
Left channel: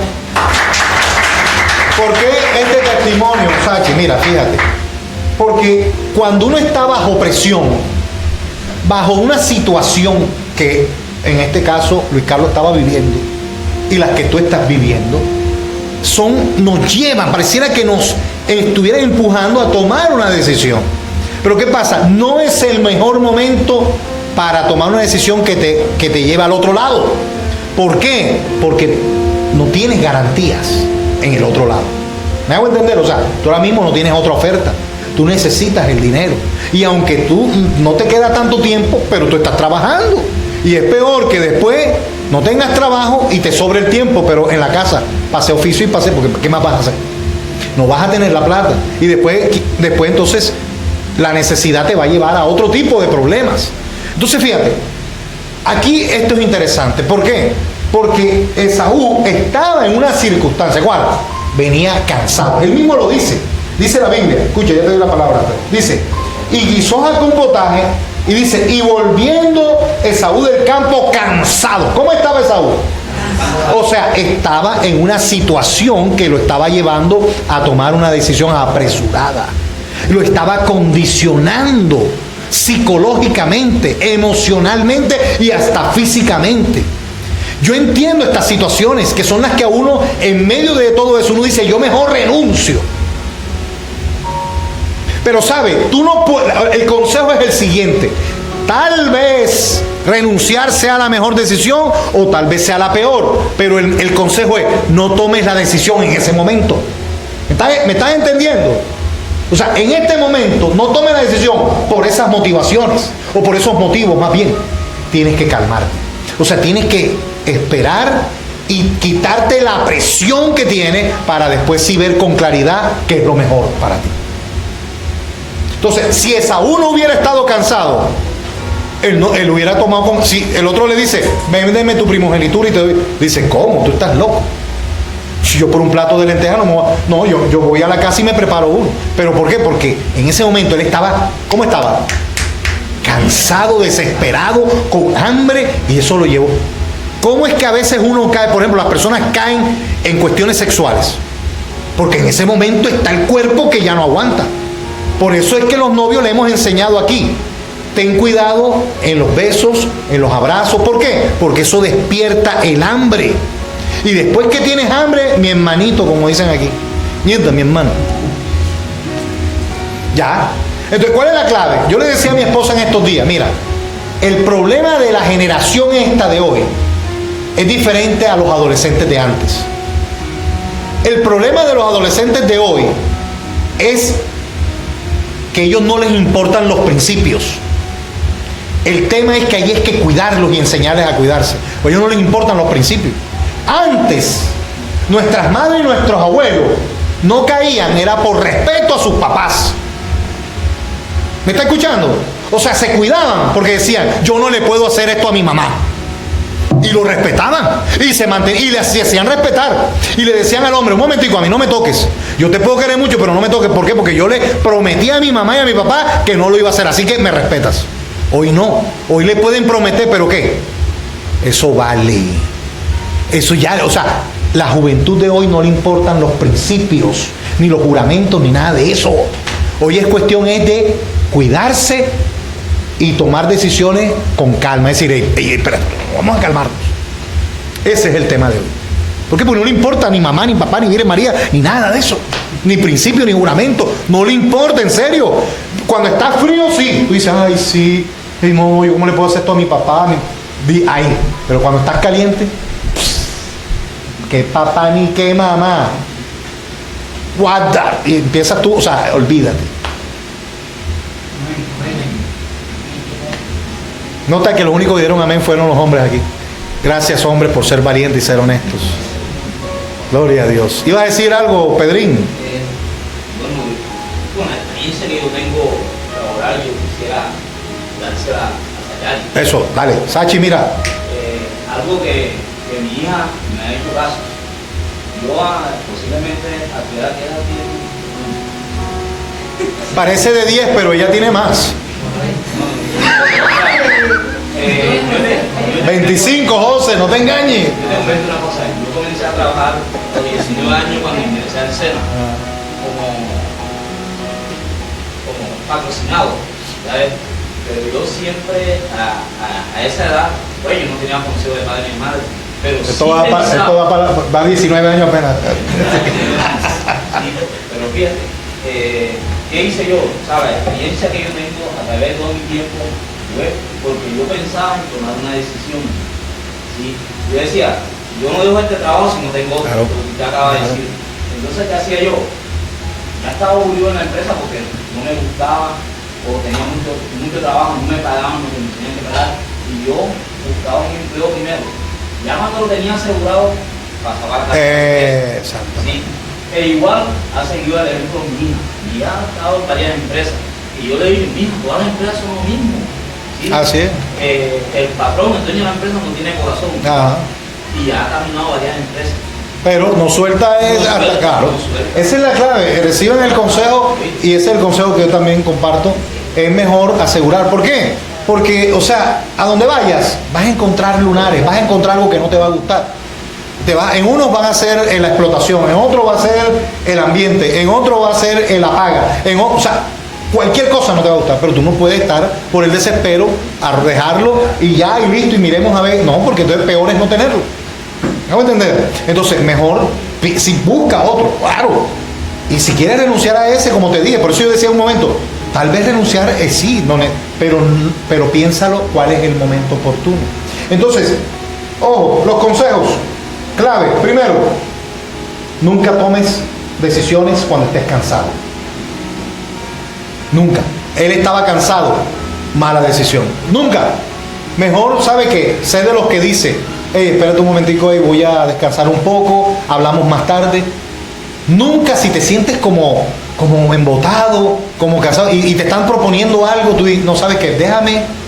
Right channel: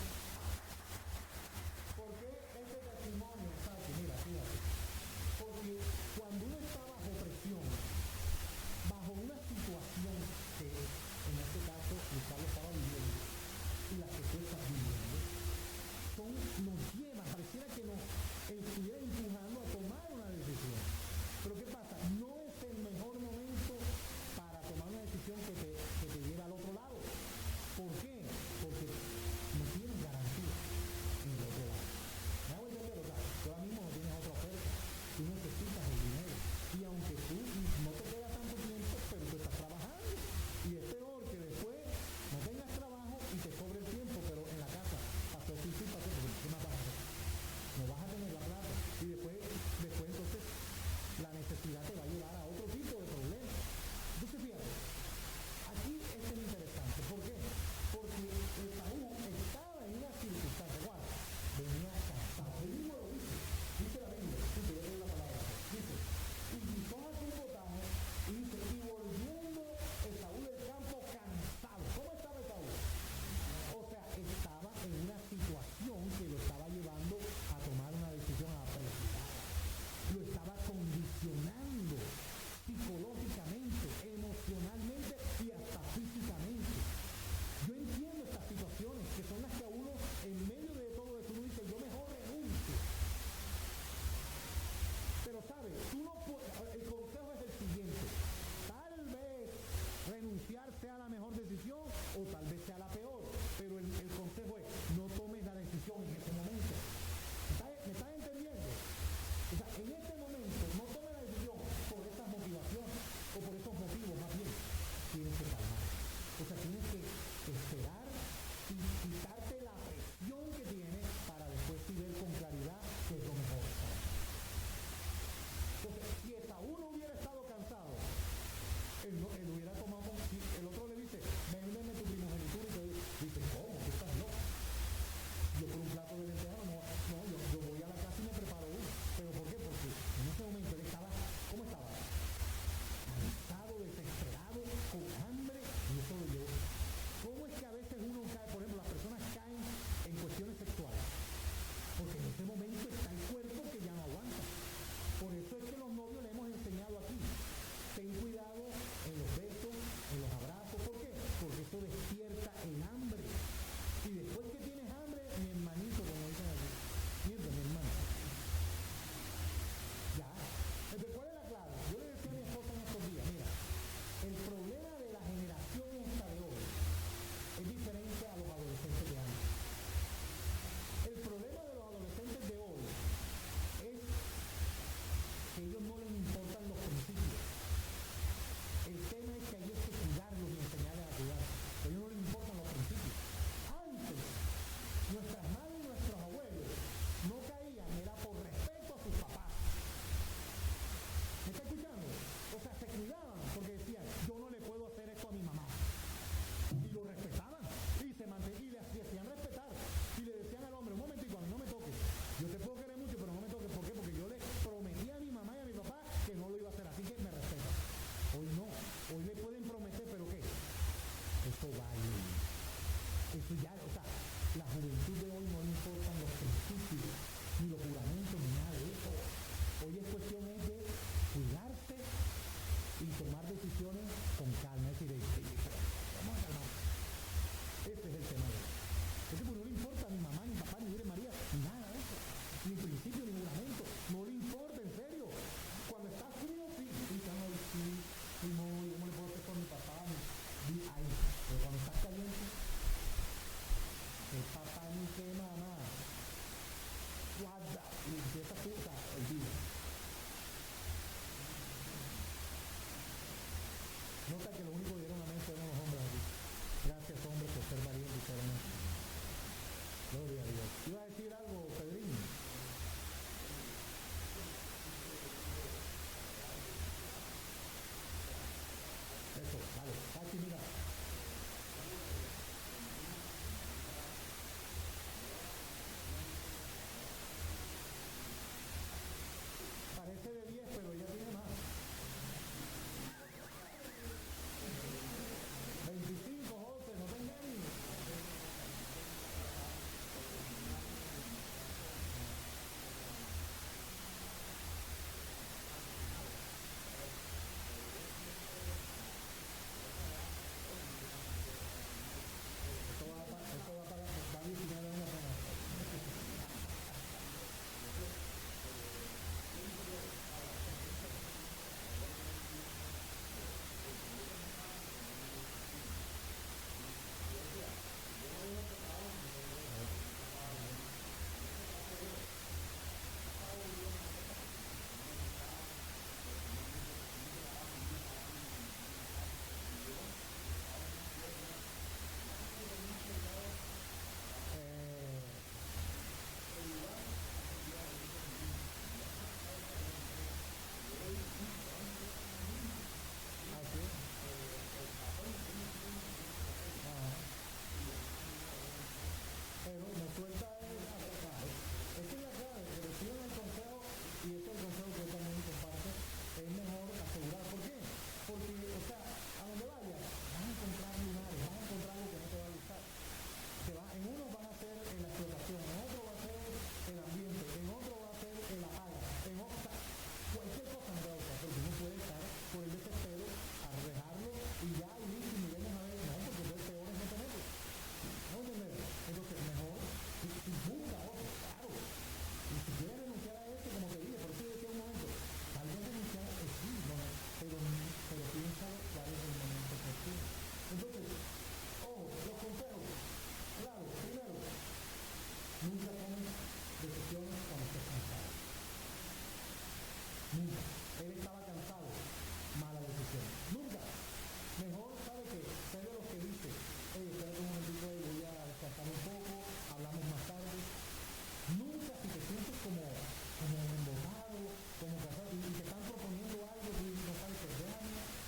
¿Por qué este testimonio, Sachi? Mira, fíjate. Porque cuando uno está bajo presión, bajo una situación que en este caso Luis Carlos estaba viviendo y las que tú estás viviendo, nos llevan, pareciera que nos estuvieran empujando a tomar una decisión. Pero ¿qué pasa? No es el mejor momento para tomar una decisión que te lleve al otro lado. ¿Por qué? Porque no tienes garantías en el otro lado. ¿Me hago entender? O sea, tú ahora mismo no tienes otra oferta. Tú necesitas el dinero. Y aunque tú no te queda tanto tiempo, pero tú estás trabajando. Y es peor que después no tengas trabajo y te sobre el tiempo, pero en la casa pase oficio y pase, porque ¿qué más vas a hacer? No vas a tener la plata. Y después entonces la necesidad te va a llevar a otro tipo de problemas. Entonces fíjate, aquí esto es interesante. ¿Por qué? Porque Esaú estaba en una circunstancia, ¿cuál? Venía cansado. Él mismo lo dice. Dice la Biblia, escucha, ya te doy la palabra. Dice, y guisó Jacob un potaje, y dice, y volviendo Esaú del campo cansado. ¿Cómo estaba Esaú? O sea, estaba en una situación que lo estaba llevando a tomar una decisión apresurada. Lo estaba condicionando psicológicamente, emocionalmente y hasta físicamente. Yo entiendo estas situaciones que son las que a uno, en medio de todo eso, uno dice, yo mejor renuncio. Pero sabe, tú no puedes, el consejo es el siguiente: tal vez renunciar sea la mejor decisión o tal vez sea la peor, pero el consejo es, no tomes la decisión en ese momento. ¿Me estás entendiendo? O sea, en este momento no tomes la decisión por esas motivaciones o por esos motivos, más bien tienes que calmarte. O sea, tienes que esperar y quitarte la presión que tienes para después sí ver con claridad qué es lo mejor para ti. Entonces, si Esaú no hubiera estado cansado, él hubiera tomado... Si el otro le dice, véndeme tu primogenitura y te doy... Dice, ¿cómo? Tú estás loco. Si yo por un plato de lentejas no, yo voy a la casa y me preparo uno. ¿Pero por qué? Porque en ese momento él estaba... ¿Cómo estaba? Cansado, desesperado, con hambre, y eso lo llevó. ¿Cómo es que a veces uno cae? Por ejemplo, las personas caen en cuestiones sexuales. Porque en ese momento está el cuerpo que ya no aguanta. Por eso es que los novios le hemos enseñado aquí: ten cuidado en los besos, en los abrazos. ¿Por qué? Porque eso despierta el hambre. Y después que tienes hambre, mi hermanito, como dicen aquí, mierda, mi hermano, ya, Entonces, ¿cuál es la clave? Yo le decía a mi esposa en estos días, mira, el problema de la generación esta de hoy es diferente a los adolescentes de antes. El problema de los adolescentes de hoy es que a ellos no les importan los principios. El tema es que hay que cuidarlos y enseñarles a cuidarse. A ellos no les importan los principios. Antes, nuestras madres y nuestros abuelos no caían, era por respeto a sus papás. ¿Me está escuchando? O sea, se cuidaban porque decían, yo no le puedo hacer esto a mi mamá. Y lo respetaban y se mantenían y le hacían respetar. Y le decían al hombre, un momentico, a mí no me toques. Yo te puedo querer mucho, pero no me toques. ¿Por qué? Porque yo le prometí a mi mamá y a mi papá que no lo iba a hacer, así que me respetas. Hoy no. Hoy le pueden prometer, ¿pero qué? Eso vale. Eso ya, o sea, la juventud de hoy no le importan los principios, ni los juramentos, ni nada de eso. Hoy es cuestión de cuidarse y tomar decisiones con calma. Es decir, espera, vamos a calmarnos. Ese es el tema de hoy. ¿Por qué? Porque no le importa ni mamá, ni papá, ni Virgen María, ni nada de eso. Ni principio, ni juramento. No le importa, en serio. Cuando está frío, sí. Tú dices, ay, sí. No, ¿yo cómo le puedo hacer esto a mi papá? Ahí. Pero cuando estás caliente, qué papá ni qué mamá. Guarda. Y empiezas tú, o sea, olvídate. Nota que los únicos que dieron amén fueron los hombres aquí. Gracias, hombres, por ser valientes y ser honestos. Gloria a Dios. ¿Iba a decir algo, Pedrín? Bueno, con la experiencia que yo tengo laboral, yo quisiera dársela a Sachi. Eso, dale. Sachi, mira. Algo que mi hija me ha hecho caso. Yo posiblemente a tu edad que ella tiene. Parece de 10, pero ella tiene más. 25, José, no te engañes. Yo te comento una cosa. Yo comencé a trabajar a los 19 años cuando ingresé al SENA como patrocinado, ¿sabes? Pero yo siempre a esa edad, pues yo no tenía consejo de padre ni madre. Pero esto va a 19 años apenas. Pero fíjate, ¿qué hice yo? ¿Sabes? La experiencia que yo tengo a través de todo mi tiempo fue porque yo pensaba en tomar una decisión. ¿Sí? Yo decía, yo no dejo este trabajo si no tengo otro, lo que te acaba de decir. Entonces, ¿qué hacía yo? Ya estaba aburrido en la empresa porque no me gustaba o tenía mucho trabajo, no me pagaban lo que me tenían que pagar. Y yo buscaba un empleo primero. Ya cuando lo tenía asegurado, pasaba a la casa. Exacto. Sí. E igual ha seguido el ejemplo mi hija. Mi hija ha estado en varias empresas. Y yo le digo, mija, todas las empresas son lo mismo. ¿Sí? Así es. El patrón, el dueño de la empresa no tiene corazón. Ajá. Y ha caminado varias empresas. Pero no suelta hasta claro. Esa es la clave. Reciben el consejo y ese es el consejo que yo también comparto. Es mejor asegurar. ¿Por qué? Porque, o sea, a donde vayas, vas a encontrar lunares, vas a encontrar algo que no te va a gustar. En unos van a ser la explotación, en otros va a ser el ambiente, en otro va a ser el apaga, o sea, cualquier cosa no te va a gustar, pero tú no puedes estar por el desespero a dejarlo y ya y listo y miremos a ver, no, porque entonces peor es no tenerlo. ¿Me voy a entender? Entonces, mejor, si busca otro, claro. Y si quieres renunciar a ese, como te dije, por eso yo decía un momento, tal vez renunciar sí, no, pero piénsalo cuál es el momento oportuno. Entonces, ojo, los consejos, clave. Primero, nunca tomes decisiones cuando estés cansado. Nunca. Él estaba cansado, mala decisión. Nunca. Mejor, ¿sabe qué? Sé de los que dice, espérate un momentico, voy a descansar un poco, hablamos más tarde. Nunca, si te sientes como embotado, como cansado y te están proponiendo algo, tú no sabes qué, déjame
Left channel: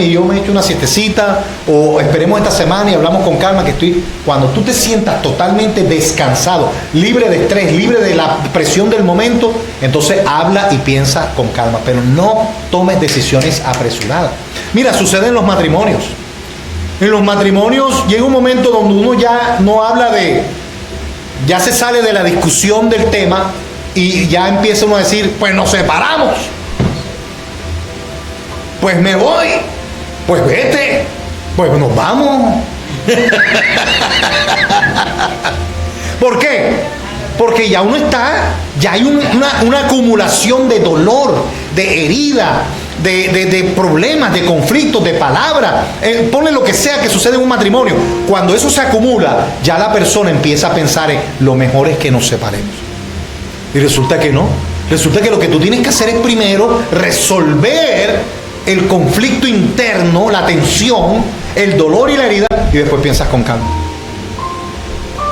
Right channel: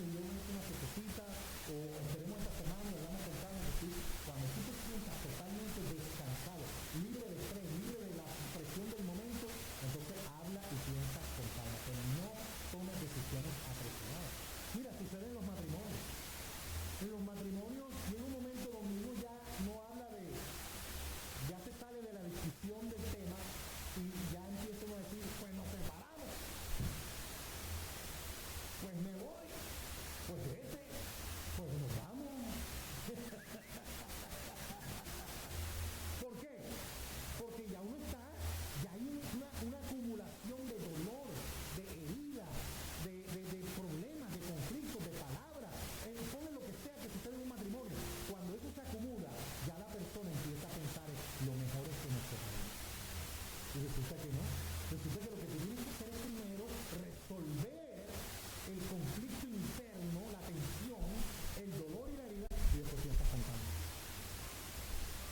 y yo me echo una siestecita o esperemos esta semana y hablamos con calma cuando tú te sientas totalmente descansado, libre de estrés, libre de la presión del momento, entonces habla y piensa con calma, pero no tomes decisiones apresuradas. Mira, sucede en los matrimonios. En los matrimonios llega un momento donde uno ya no habla ya se sale de la discusión del tema y ya empieza uno a decir, pues nos separamos, pues me voy, pues vete, pues nos vamos. ¿Por qué? Porque ya uno ya hay una acumulación de dolor, de herida, de problemas, de conflictos, de palabras. Ponle lo que sea que sucede en un matrimonio. Cuando eso se acumula, ya la persona empieza a pensar en lo mejor es que nos separemos. Y resulta que no. Resulta que lo que tú tienes que hacer es primero resolver el conflicto interno, la tensión, el dolor y la herida, y después piensas con calma.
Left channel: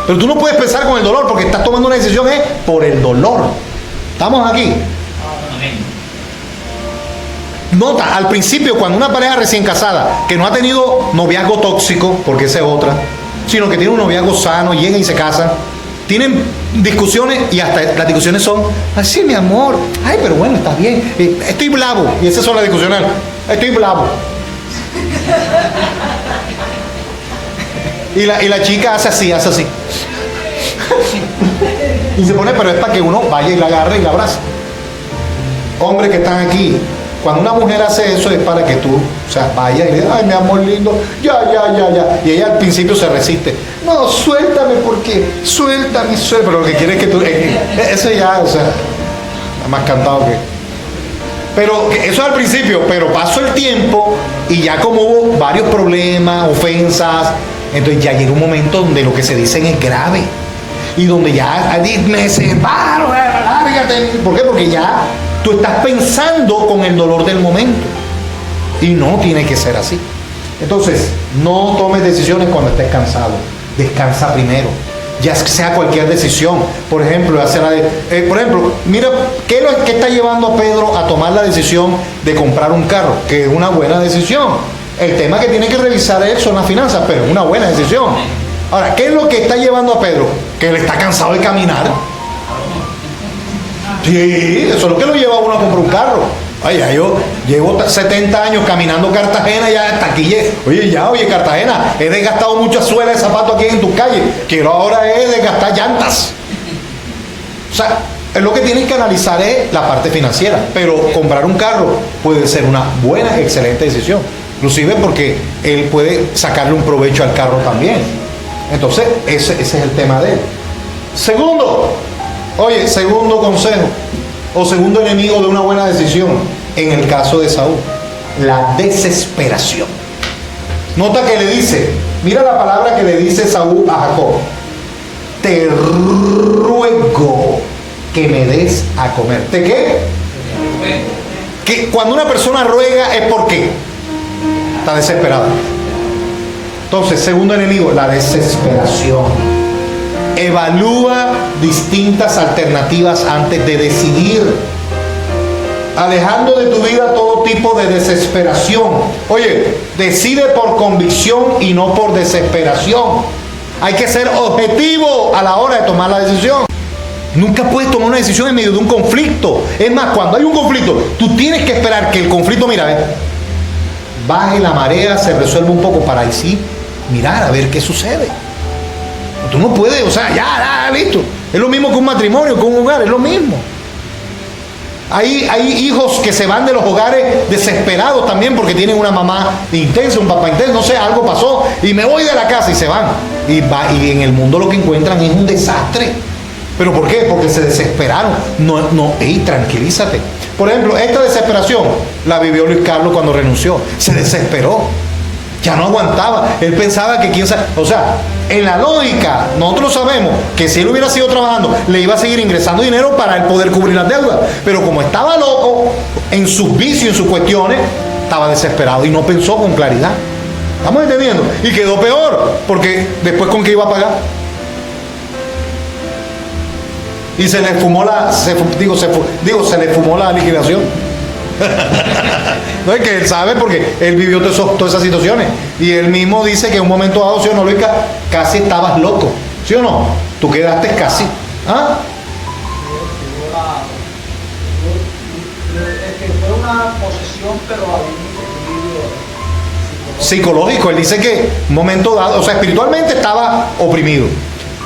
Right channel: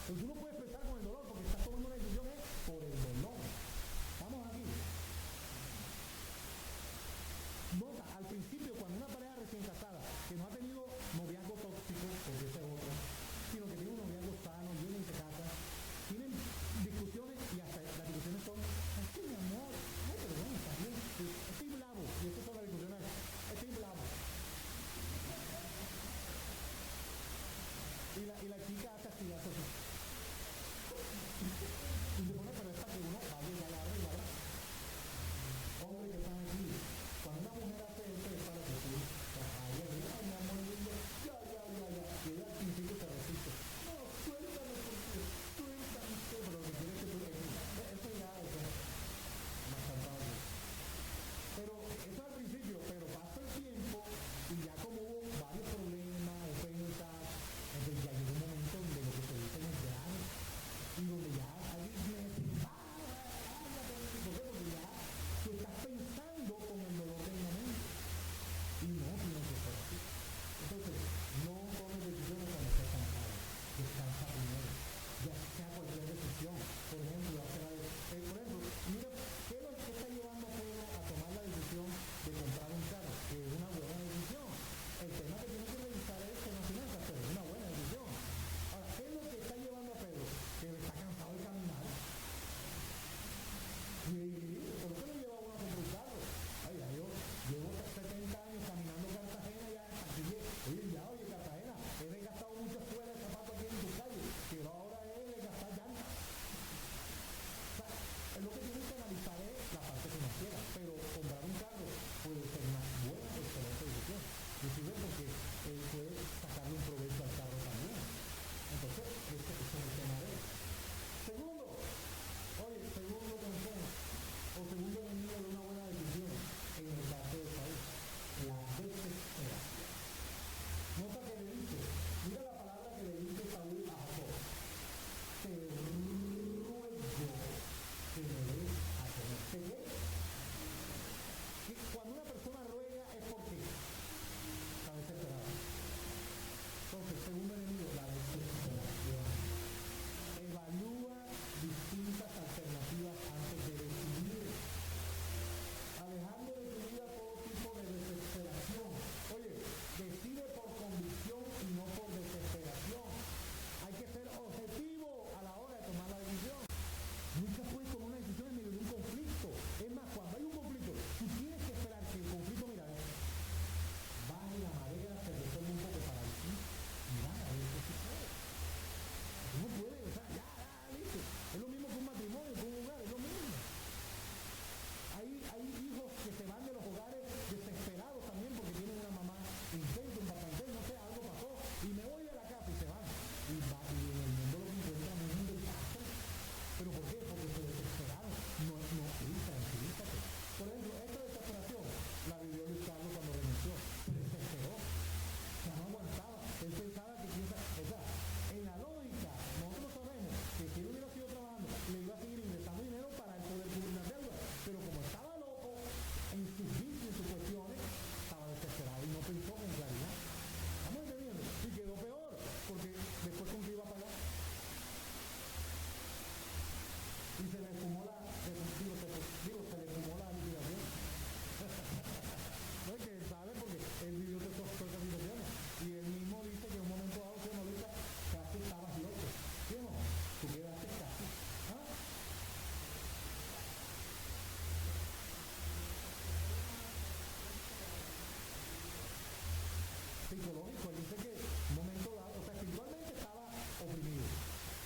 Pero tú no puedes pensar con el dolor porque estás tomando una decisión por el dolor. ¿Estamos aquí? Nota, al principio, cuando una pareja recién casada, que no ha tenido noviazgo tóxico, porque esa es otra, sino que tiene un noviazgo sano, llega y se casan, tienen discusiones y hasta las discusiones son, así mi amor, ay, pero bueno, está bien, estoy bravo, y esas son las discusiones, estoy bravo. Y la chica hace así. Y se pone, pero es para que uno vaya y la agarre y la abrace. Hombres que están aquí, cuando una mujer hace eso es para que tú, o sea, vaya y le diga, ay, mi amor lindo, ya. Y ella al principio se resiste. No, suéltame suéltame. Pero lo que quiere es que tú, eso ya, o sea, está más cantado que... Pero eso al principio, pero pasó el tiempo y ya como hubo varios problemas, ofensas, entonces ya llega un momento donde lo que se dicen es grave. Y donde ya me separo, lárgate. ¿Por qué? Porque ya tú estás pensando con el dolor del momento. Y no tiene que ser así. Entonces, no tomes decisiones cuando estés cansado. Descansa primero. Ya sea cualquier decisión. Por ejemplo, mira, ¿qué está llevando a Pedro a tomar la decisión de comprar un carro? Que es una buena decisión. El tema que tiene que revisar él son las finanzas, pero es una buena decisión. Ahora, ¿qué es lo que está llevando a Pedro? Que él está cansado de caminar. Sí, eso es lo que lo lleva a uno a comprar un carro. Ay, ya yo llevo 70 años caminando Cartagena, ya hasta aquí llegué. Oye, Cartagena, he desgastado muchas suelas de zapatos aquí en tu calle. Quiero ahora desgastar llantas. O sea, lo que tienes que analizar es la parte financiera. Pero comprar un carro puede ser una buena, excelente decisión. Inclusive porque él puede sacarle un provecho al carro también. Entonces, ese es el tema de él. Segundo consejo o segundo enemigo de una buena decisión en el caso de Saúl, la desesperación. Nota que le dice, mira la palabra que le dice Saúl a Jacob: te ruego que me des a comer. ¿De qué? Que cuando una persona ruega es porque está desesperada. Entonces, segundo enemigo, la desesperación. Evalúa distintas alternativas antes de decidir, alejando de tu vida todo tipo de desesperación. Oye, decide por convicción y no por desesperación. Hay que ser objetivo a la hora de tomar la decisión. Nunca puedes tomar una decisión en medio de un conflicto. Es más, cuando hay un conflicto, tú tienes que esperar que el conflicto, baje la marea, se resuelva un poco para así mirar a ver qué sucede. Tú no puedes, ya, listo. Es lo mismo que un matrimonio, que un hogar, es lo mismo. Hay hijos que se van de los hogares desesperados también porque tienen una mamá intensa, un papá intenso, no sé, algo pasó y me voy de la casa y se van. Y en el mundo lo que encuentran es un desastre. ¿Pero por qué? Porque se desesperaron. Tranquilízate. Por ejemplo, esta desesperación la vivió Luis Carlos cuando renunció. Se desesperó. Ya no aguantaba. Él pensaba que en la lógica, nosotros sabemos que si él hubiera seguido trabajando, le iba a seguir ingresando dinero para él poder cubrir las deudas. Pero como estaba loco en sus vicios, en sus cuestiones, estaba desesperado y no pensó con claridad. ¿Estamos entendiendo? Y quedó peor, porque después ¿con qué iba a pagar? Y se le fumó se le fumó la liquidación. No es que él sabe porque él vivió todas esas situaciones. Y él mismo dice que en un momento dado, ¿sí o no, Luis? Casi estabas loco. ¿Sí o no? Tú quedaste casi. ¿Ah? Es que fue una posesión, pero había un equilibrio psicológico. Él dice que un momento dado, espiritualmente estaba oprimido,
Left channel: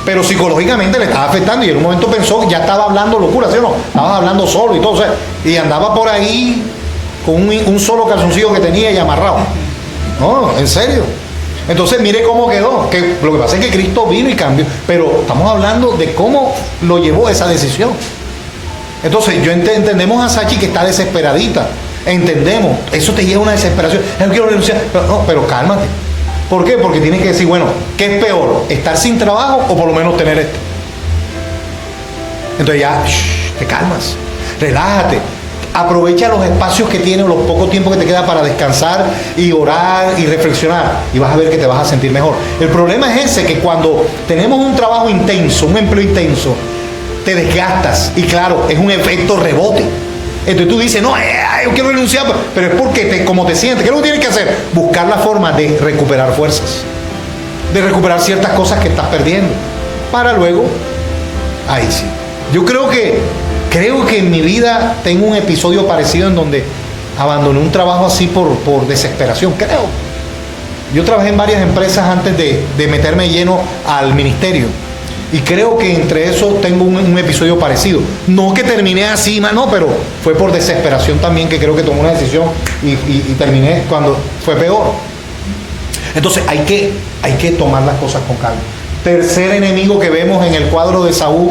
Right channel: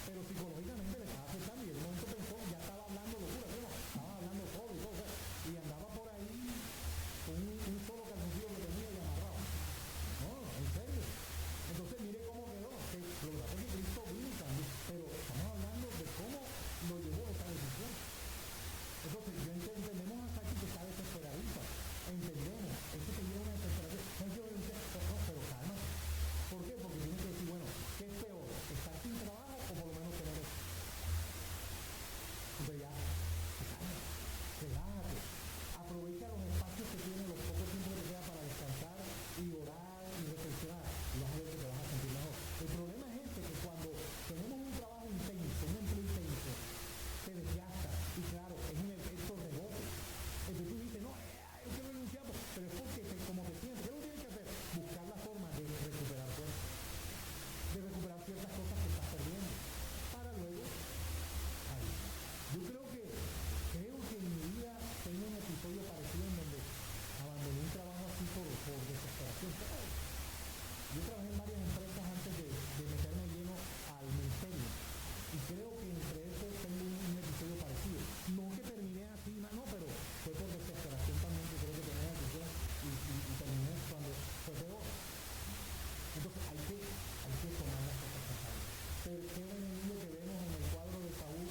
pero psicológicamente le estaba afectando y en un momento pensó que ya estaba hablando locura, ¿sí o no? Estaba hablando solo y todo, y andaba por ahí con un solo calzoncillo que tenía y amarrado. No, en serio. Entonces mire cómo quedó, que lo que pasa es que Cristo vino y cambió, pero estamos hablando de cómo lo llevó esa decisión. Entonces, entendemos a Sachi que está desesperadita. Entendemos, eso te lleva a una desesperación. No quiero renunciar. Pero cálmate. ¿Por qué? Porque tienes que decir, bueno, ¿qué es peor? ¿Estar sin trabajo o por lo menos tener esto? Entonces ya, te calmas, relájate. Aprovecha los espacios que tienes, los pocos tiempos que te queda para descansar y orar y reflexionar, y vas a ver que te vas a sentir mejor. El problema es ese, que cuando tenemos un trabajo intenso, un empleo intenso, te desgastas, y claro, es un efecto rebote. Entonces tú dices, no, yo quiero renunciar, pero es porque como te sientes. ¿Qué es lo que tienes que hacer? Buscar la forma de recuperar fuerzas, de recuperar ciertas cosas que estás perdiendo, para luego, ahí sí. Yo creo que en mi vida tengo un episodio parecido en donde abandoné un trabajo así por desesperación, creo. Yo trabajé en varias empresas antes de meterme lleno al ministerio. Y creo que entre eso tengo un episodio parecido. No que terminé así, no, pero fue por desesperación también que creo que tomé una decisión y terminé cuando fue peor. Entonces hay que tomar las cosas con calma. Tercer enemigo que vemos en el cuadro de Saúl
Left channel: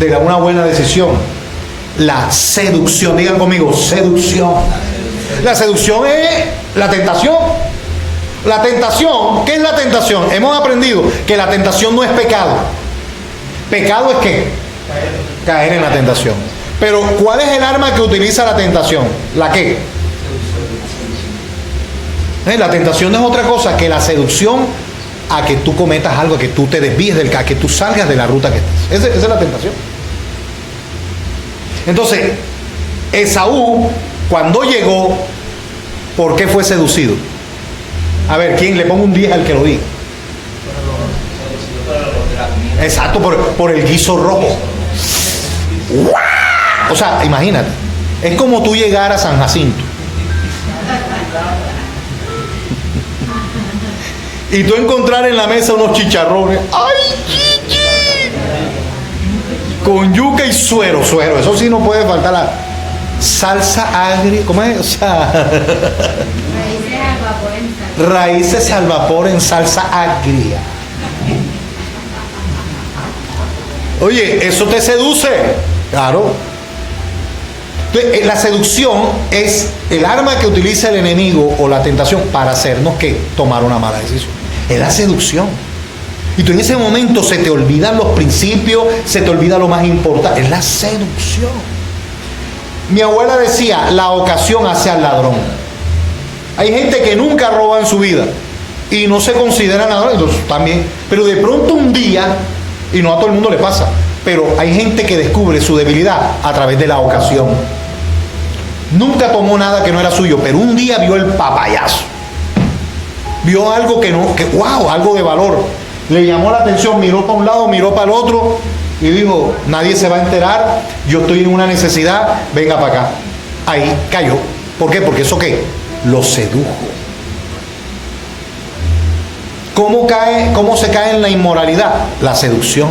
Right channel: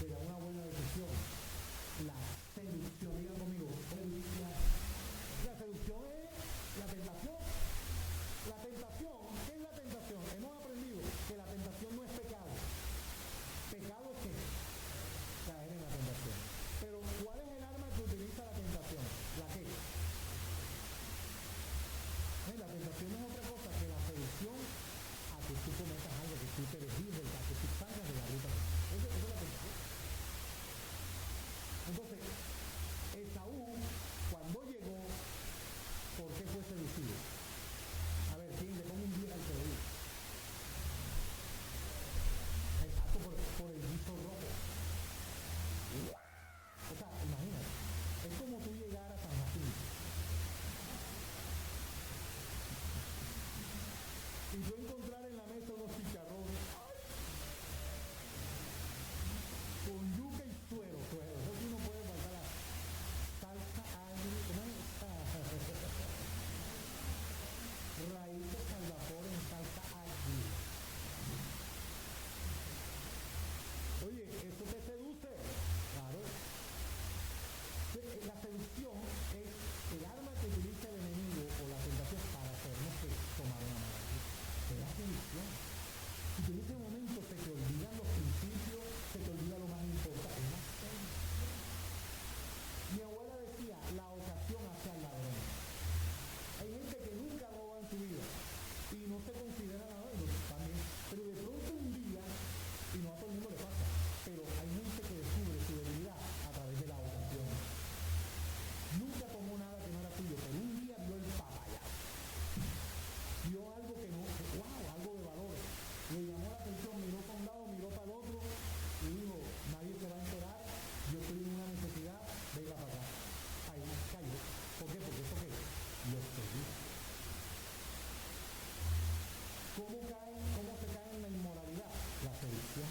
de una buena decisión: la seducción. Digan conmigo, seducción. La seducción es la tentación. La tentación, ¿qué es la tentación? Hemos aprendido que la tentación no es pecado. Pecado es ¿qué? Caer en la tentación. Pero ¿cuál es el arma que utiliza la tentación? ¿La qué? La tentación no es otra cosa que la seducción a que tú cometas algo, a que tú te desvíes a que tú salgas de la ruta que estás. Esa es la tentación. Entonces, Esaú, cuando llegó, ¿por qué fue seducido? A ver, ¿quién le pongo un 10 al que lo diga? Exacto, por el guiso rojo. ¡Wow! O sea, imagínate, es como tú llegar a San Jacinto y tú encontrar en la mesa unos chicharrones, ¡ay, chichi! Con yuca y suero, eso sí no puede faltar. La salsa agria, ¿cómo es? O sea, raíces al vapor en salsa agria. Oye, eso te seduce, claro. Entonces, la seducción es el arma que utiliza el enemigo o la tentación para hacernos que tomar una mala decisión. Es la seducción. Y tú en ese momento se te olvidan los principios, se te olvida lo más importante. Es la seducción. Mi abuela decía, la ocasión hace al ladrón. Hay gente que nunca roba en su vida y no se consideran ladrones, entonces también. Pero de pronto un día, y no a todo el mundo le pasa, pero hay gente que descubre su debilidad a través de la ocasión. Nunca tomó nada que no era suyo, pero un día vio el papayazo. Vio algo wow, algo de valor. Le llamó la atención, miró para un lado, miró para el otro y dijo, nadie se va a enterar, yo estoy en una necesidad, venga para acá. Ahí cayó. ¿Por qué? Porque eso ¿qué? Lo sedujo. ¿Cómo se cae en la inmoralidad? La seducción.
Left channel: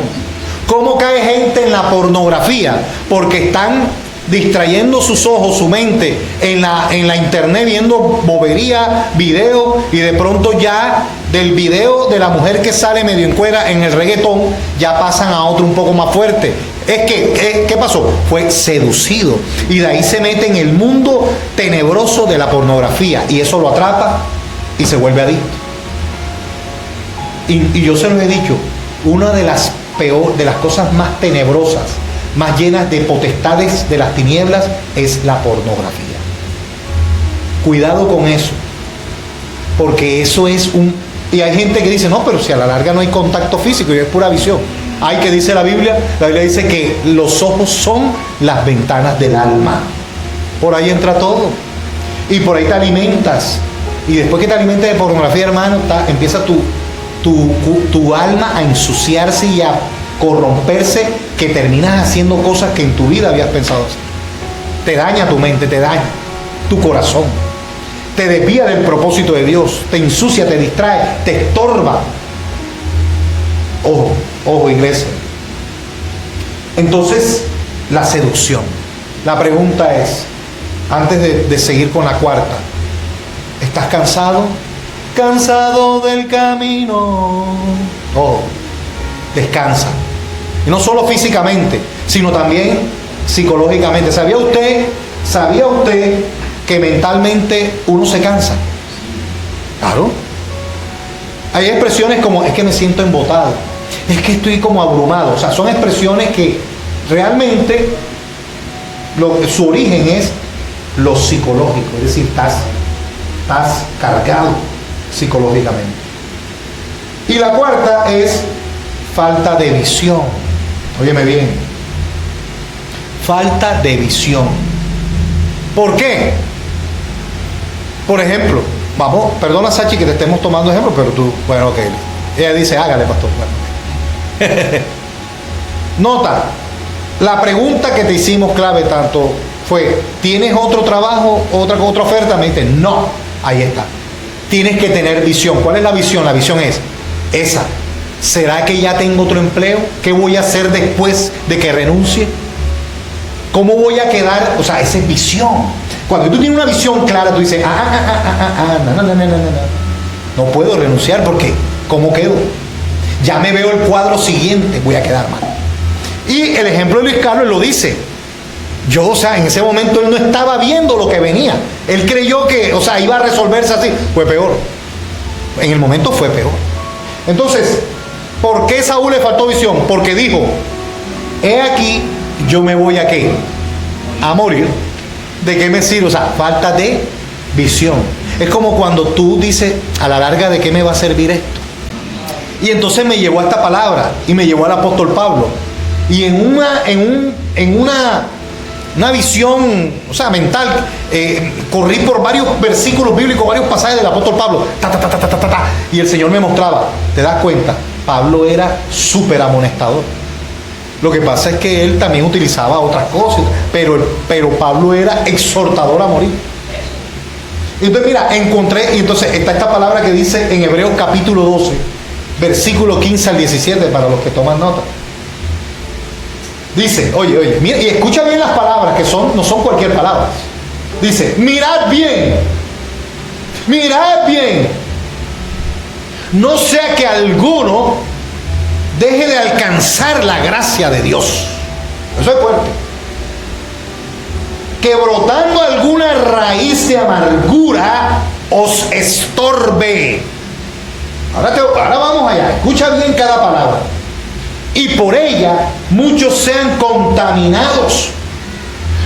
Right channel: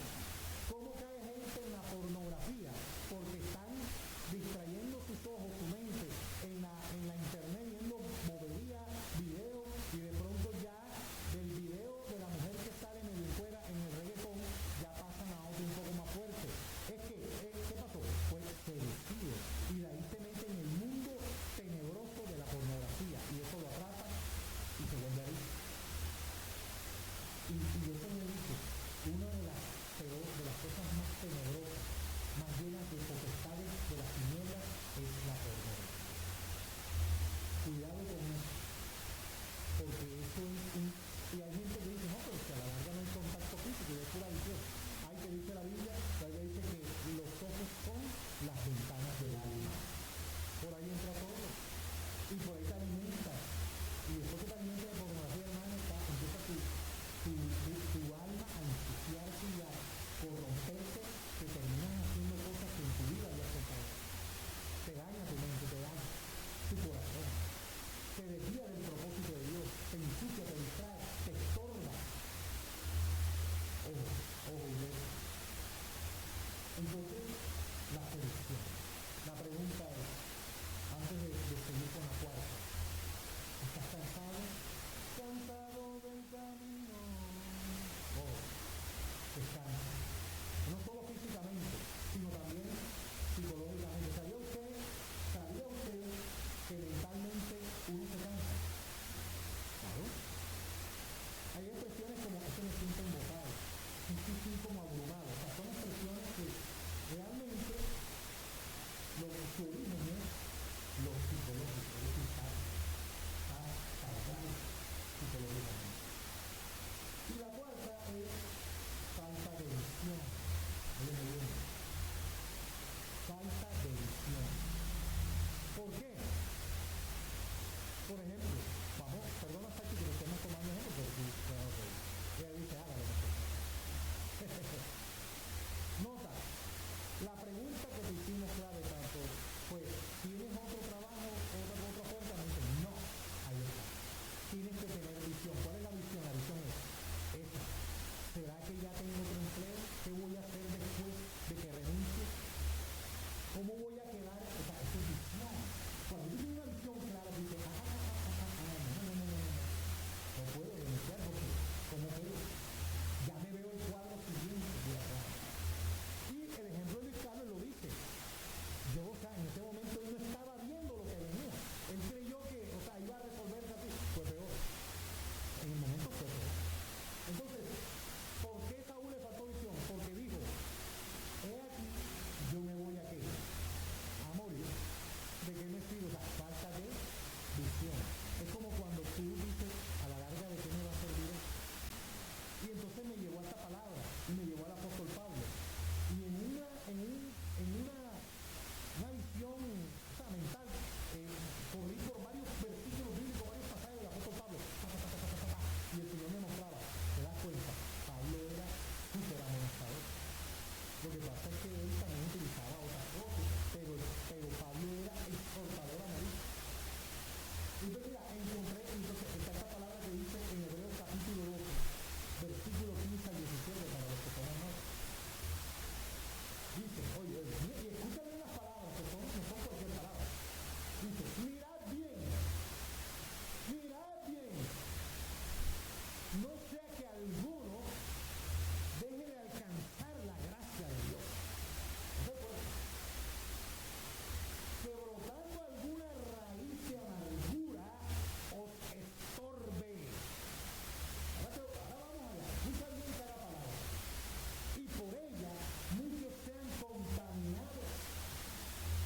¿Cómo cae gente en la pornografía? Porque están distrayendo sus ojos, su mente en la internet, viendo bobería, video, y de pronto ya del video de la mujer que sale medio en cuera en el reggaetón, ya pasan a otro un poco más fuerte. ¿Qué pasó? Fue seducido, y de ahí se mete en el mundo tenebroso de la pornografía, y eso lo atrapa y se vuelve adicto. Y yo se los he dicho, una de las cosas más tenebrosas, más llenas de potestades de las tinieblas, es la pornografía. Cuidado con eso, porque eso es y hay gente que dice, no, pero si a la larga no hay contacto físico y es pura visión. Hay que dice la Biblia dice que los ojos son las ventanas del alma. Por ahí entra todo, y por ahí te alimentas, y después que te alimentas de pornografía, hermano, empieza tu alma a ensuciarse y a corromperse, que terminas haciendo cosas que en tu vida habías pensado hacer. Te daña tu mente, te daña tu corazón, te desvía del propósito de Dios, te ensucia, te distrae, te estorba. Ojo, iglesia. Entonces, la seducción. La pregunta es, antes de seguir con la cuarta, ¿estás cansado? Cansado del camino. Descansa. Y no solo físicamente, sino también psicológicamente. ¿Sabía usted que mentalmente uno se cansa? Claro. Hay expresiones como, es que me siento embotado, es que estoy como abrumado. O sea, son expresiones que realmente su origen es lo psicológico, es decir, estás cargado psicológicamente. Y la cuarta es falta de visión. Óyeme bien, falta de visión. ¿Por qué? Por ejemplo, vamos, perdona Sachi que te estemos tomando ejemplo, pero tú, bueno, ok. Ella dice, hágale, pastor. Bueno. Nota, la pregunta que te hicimos clave tanto fue, ¿tienes otro trabajo, otra oferta? Me dice, no, ahí está. Tienes que tener visión. ¿Cuál es la visión? La visión es esa. ¿Será que ya tengo otro empleo? ¿Qué voy a hacer después de que renuncie? ¿Cómo voy a quedar? O sea, esa es visión. Cuando tú tienes una visión clara, tú dices, no puedo renunciar porque ¿cómo quedo? Ya me veo el cuadro siguiente, voy a quedar mal. Y el ejemplo de Luis Carlos lo dice. Yo, o sea, en ese momento él no estaba viendo lo que venía. Él creyó que, o sea, iba a resolverse así. Fue peor. En el momento fue peor. Entonces, ¿por qué Saúl le faltó visión? Porque dijo, he aquí, yo me voy a ¿qué? A morir. ¿De qué me sirve? O sea, falta de visión. Es como cuando tú dices, a la larga, ¿de qué me va a servir esto? Y entonces me llevó a esta palabra y me llevó al apóstol Pablo. Y en una visión, o sea, mental, corrí por varios versículos bíblicos, varios pasajes del apóstol Pablo, y el Señor me mostraba, ¿te das cuenta? Pablo era súper amonestador. Lo que pasa es que él también utilizaba otras cosas, pero Pablo era exhortador a morir. Entonces mira, encontré, y entonces está esta palabra que dice en Hebreos capítulo 12, versículo 15 al 17, para los que toman nota. Dice, oye, mira, y escucha bien las palabras, que no son cualquier palabra. Dice, mirad bien, no sea que alguno deje de alcanzar la gracia de Dios. Eso es fuerte. Que brotando alguna raíz de amargura os estorbe. Ahora vamos allá, escucha bien cada palabra. Y por ella muchos sean contaminados.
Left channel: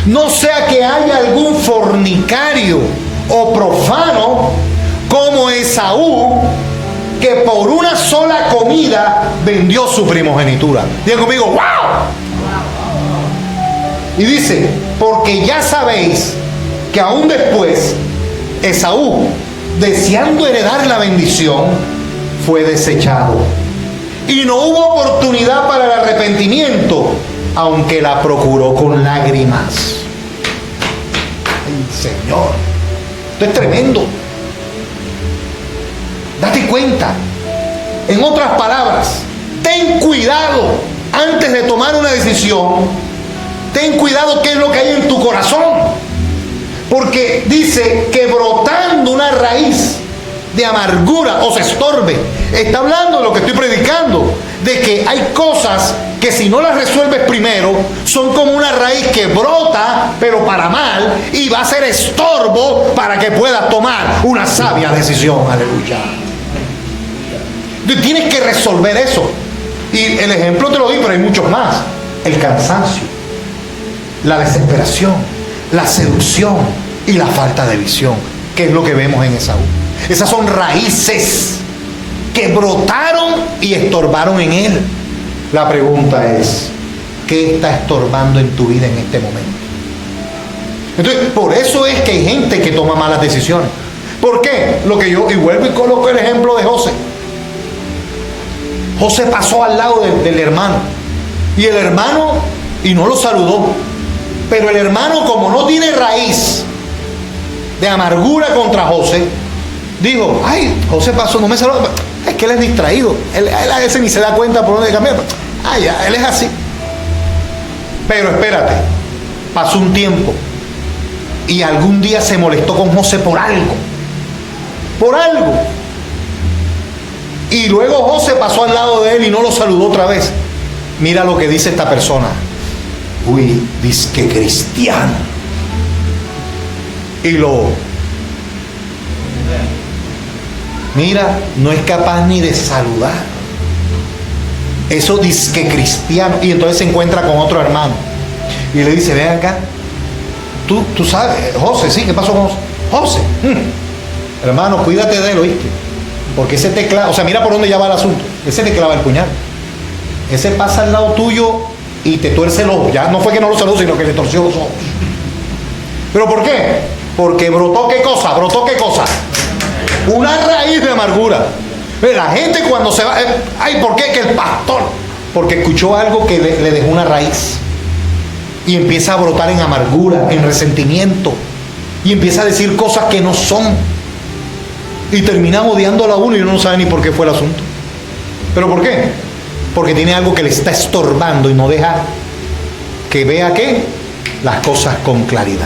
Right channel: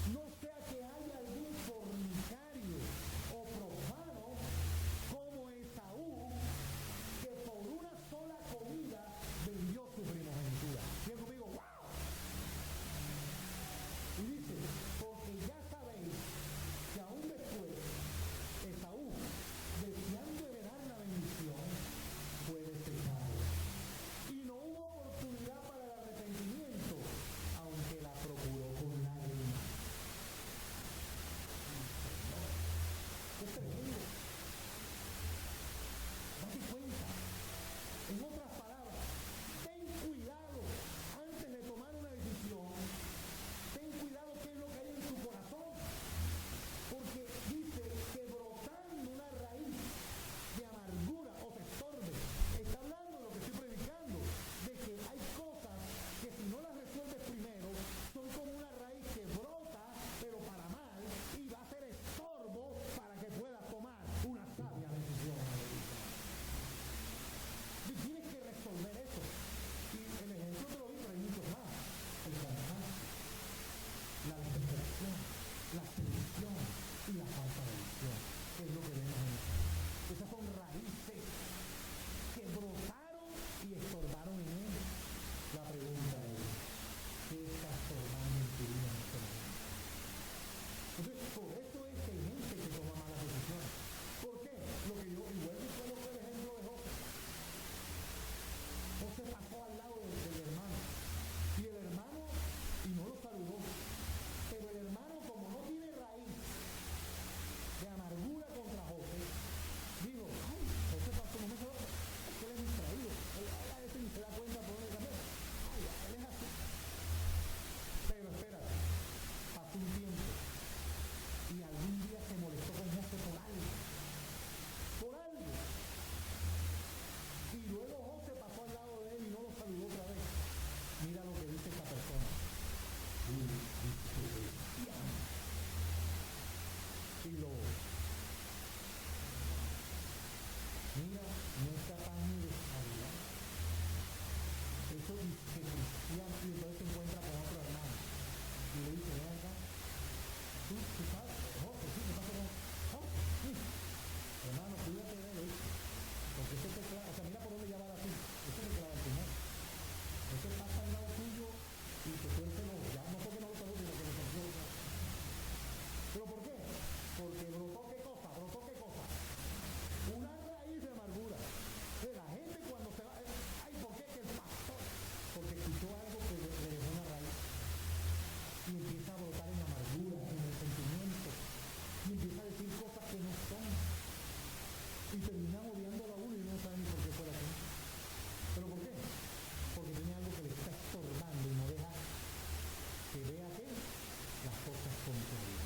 No sea que haya algún fornicario o profano como Esaú, que por una sola comida vendió su primogenitura. Digan conmigo, ¡wow! Y dice, porque ya sabéis que aún después Esaú, deseando heredar la bendición, fue desechado. Y no hubo oportunidad para el arrepentimiento, aunque la procuró con lágrimas. ¡Ay, Señor! Esto es tremendo. Date cuenta. En otras palabras, ten cuidado antes de tomar una decisión. Ten cuidado qué es lo que hay en tu corazón. Porque dice que brotando una raíz de amargura os estorbe. Está hablando de lo que estoy predicando, de que hay cosas que si no las resuelves primero, son como una raíz que brota, pero para mal, y va a ser estorbo para que puedas tomar una sabia decisión. Aleluya. Tienes que resolver eso. Y el ejemplo te lo di, pero hay muchos más. El cansancio, la desesperación, la seducción y la falta de visión, que es lo que vemos en Esaú. Esas son raíces que brotaron y estorbaron en él. La pregunta es, ¿qué está estorbando en tu vida en este momento? Entonces, por eso es que hay gente que toma malas decisiones. ¿Por qué? Y vuelvo y coloco el ejemplo de José. José pasó al lado del hermano. Y el hermano, y no lo saludó. Pero el hermano, como no tiene raíz de amargura contra José, dijo, ay, José pasó, no me saludó. Es que él es distraído. Él a veces ni se da cuenta por dónde cambiar. Ay, ya, él es así. Pero espérate, pasó un tiempo. Y algún día se molestó con José por algo. Por algo. Y luego José pasó al lado de él y no lo saludó otra vez. Mira lo que dice esta persona. fui disque cristiano. Y mira, no es capaz ni de saludar. Eso disque cristiano. Y entonces se encuentra con otro hermano y le dice, ven acá, tú sabes, José, sí, ¿qué pasó con José? José, hermano, cuídate de él, ¿oíste? Porque ese te clava, o sea, mira por dónde ya va el asunto. Ese te clava el puñal. Ese pasa al lado tuyo y te tuerce el ojo. Ya no fue que no lo saludó, sino que le torció los ojos. ¿Pero por qué? Porque brotó qué cosa, una raíz de amargura. La gente cuando se va, ay, ¿por qué? Que el pastor, porque escuchó algo que le dejó una raíz y empieza a brotar en amargura, en resentimiento, y empieza a decir cosas que no son, y termina odiándolo a uno y uno no sabe ni por qué fue el asunto. ¿Pero por qué? Porque tiene algo que le está estorbando y no deja que vea, ¿qué?, las cosas con claridad.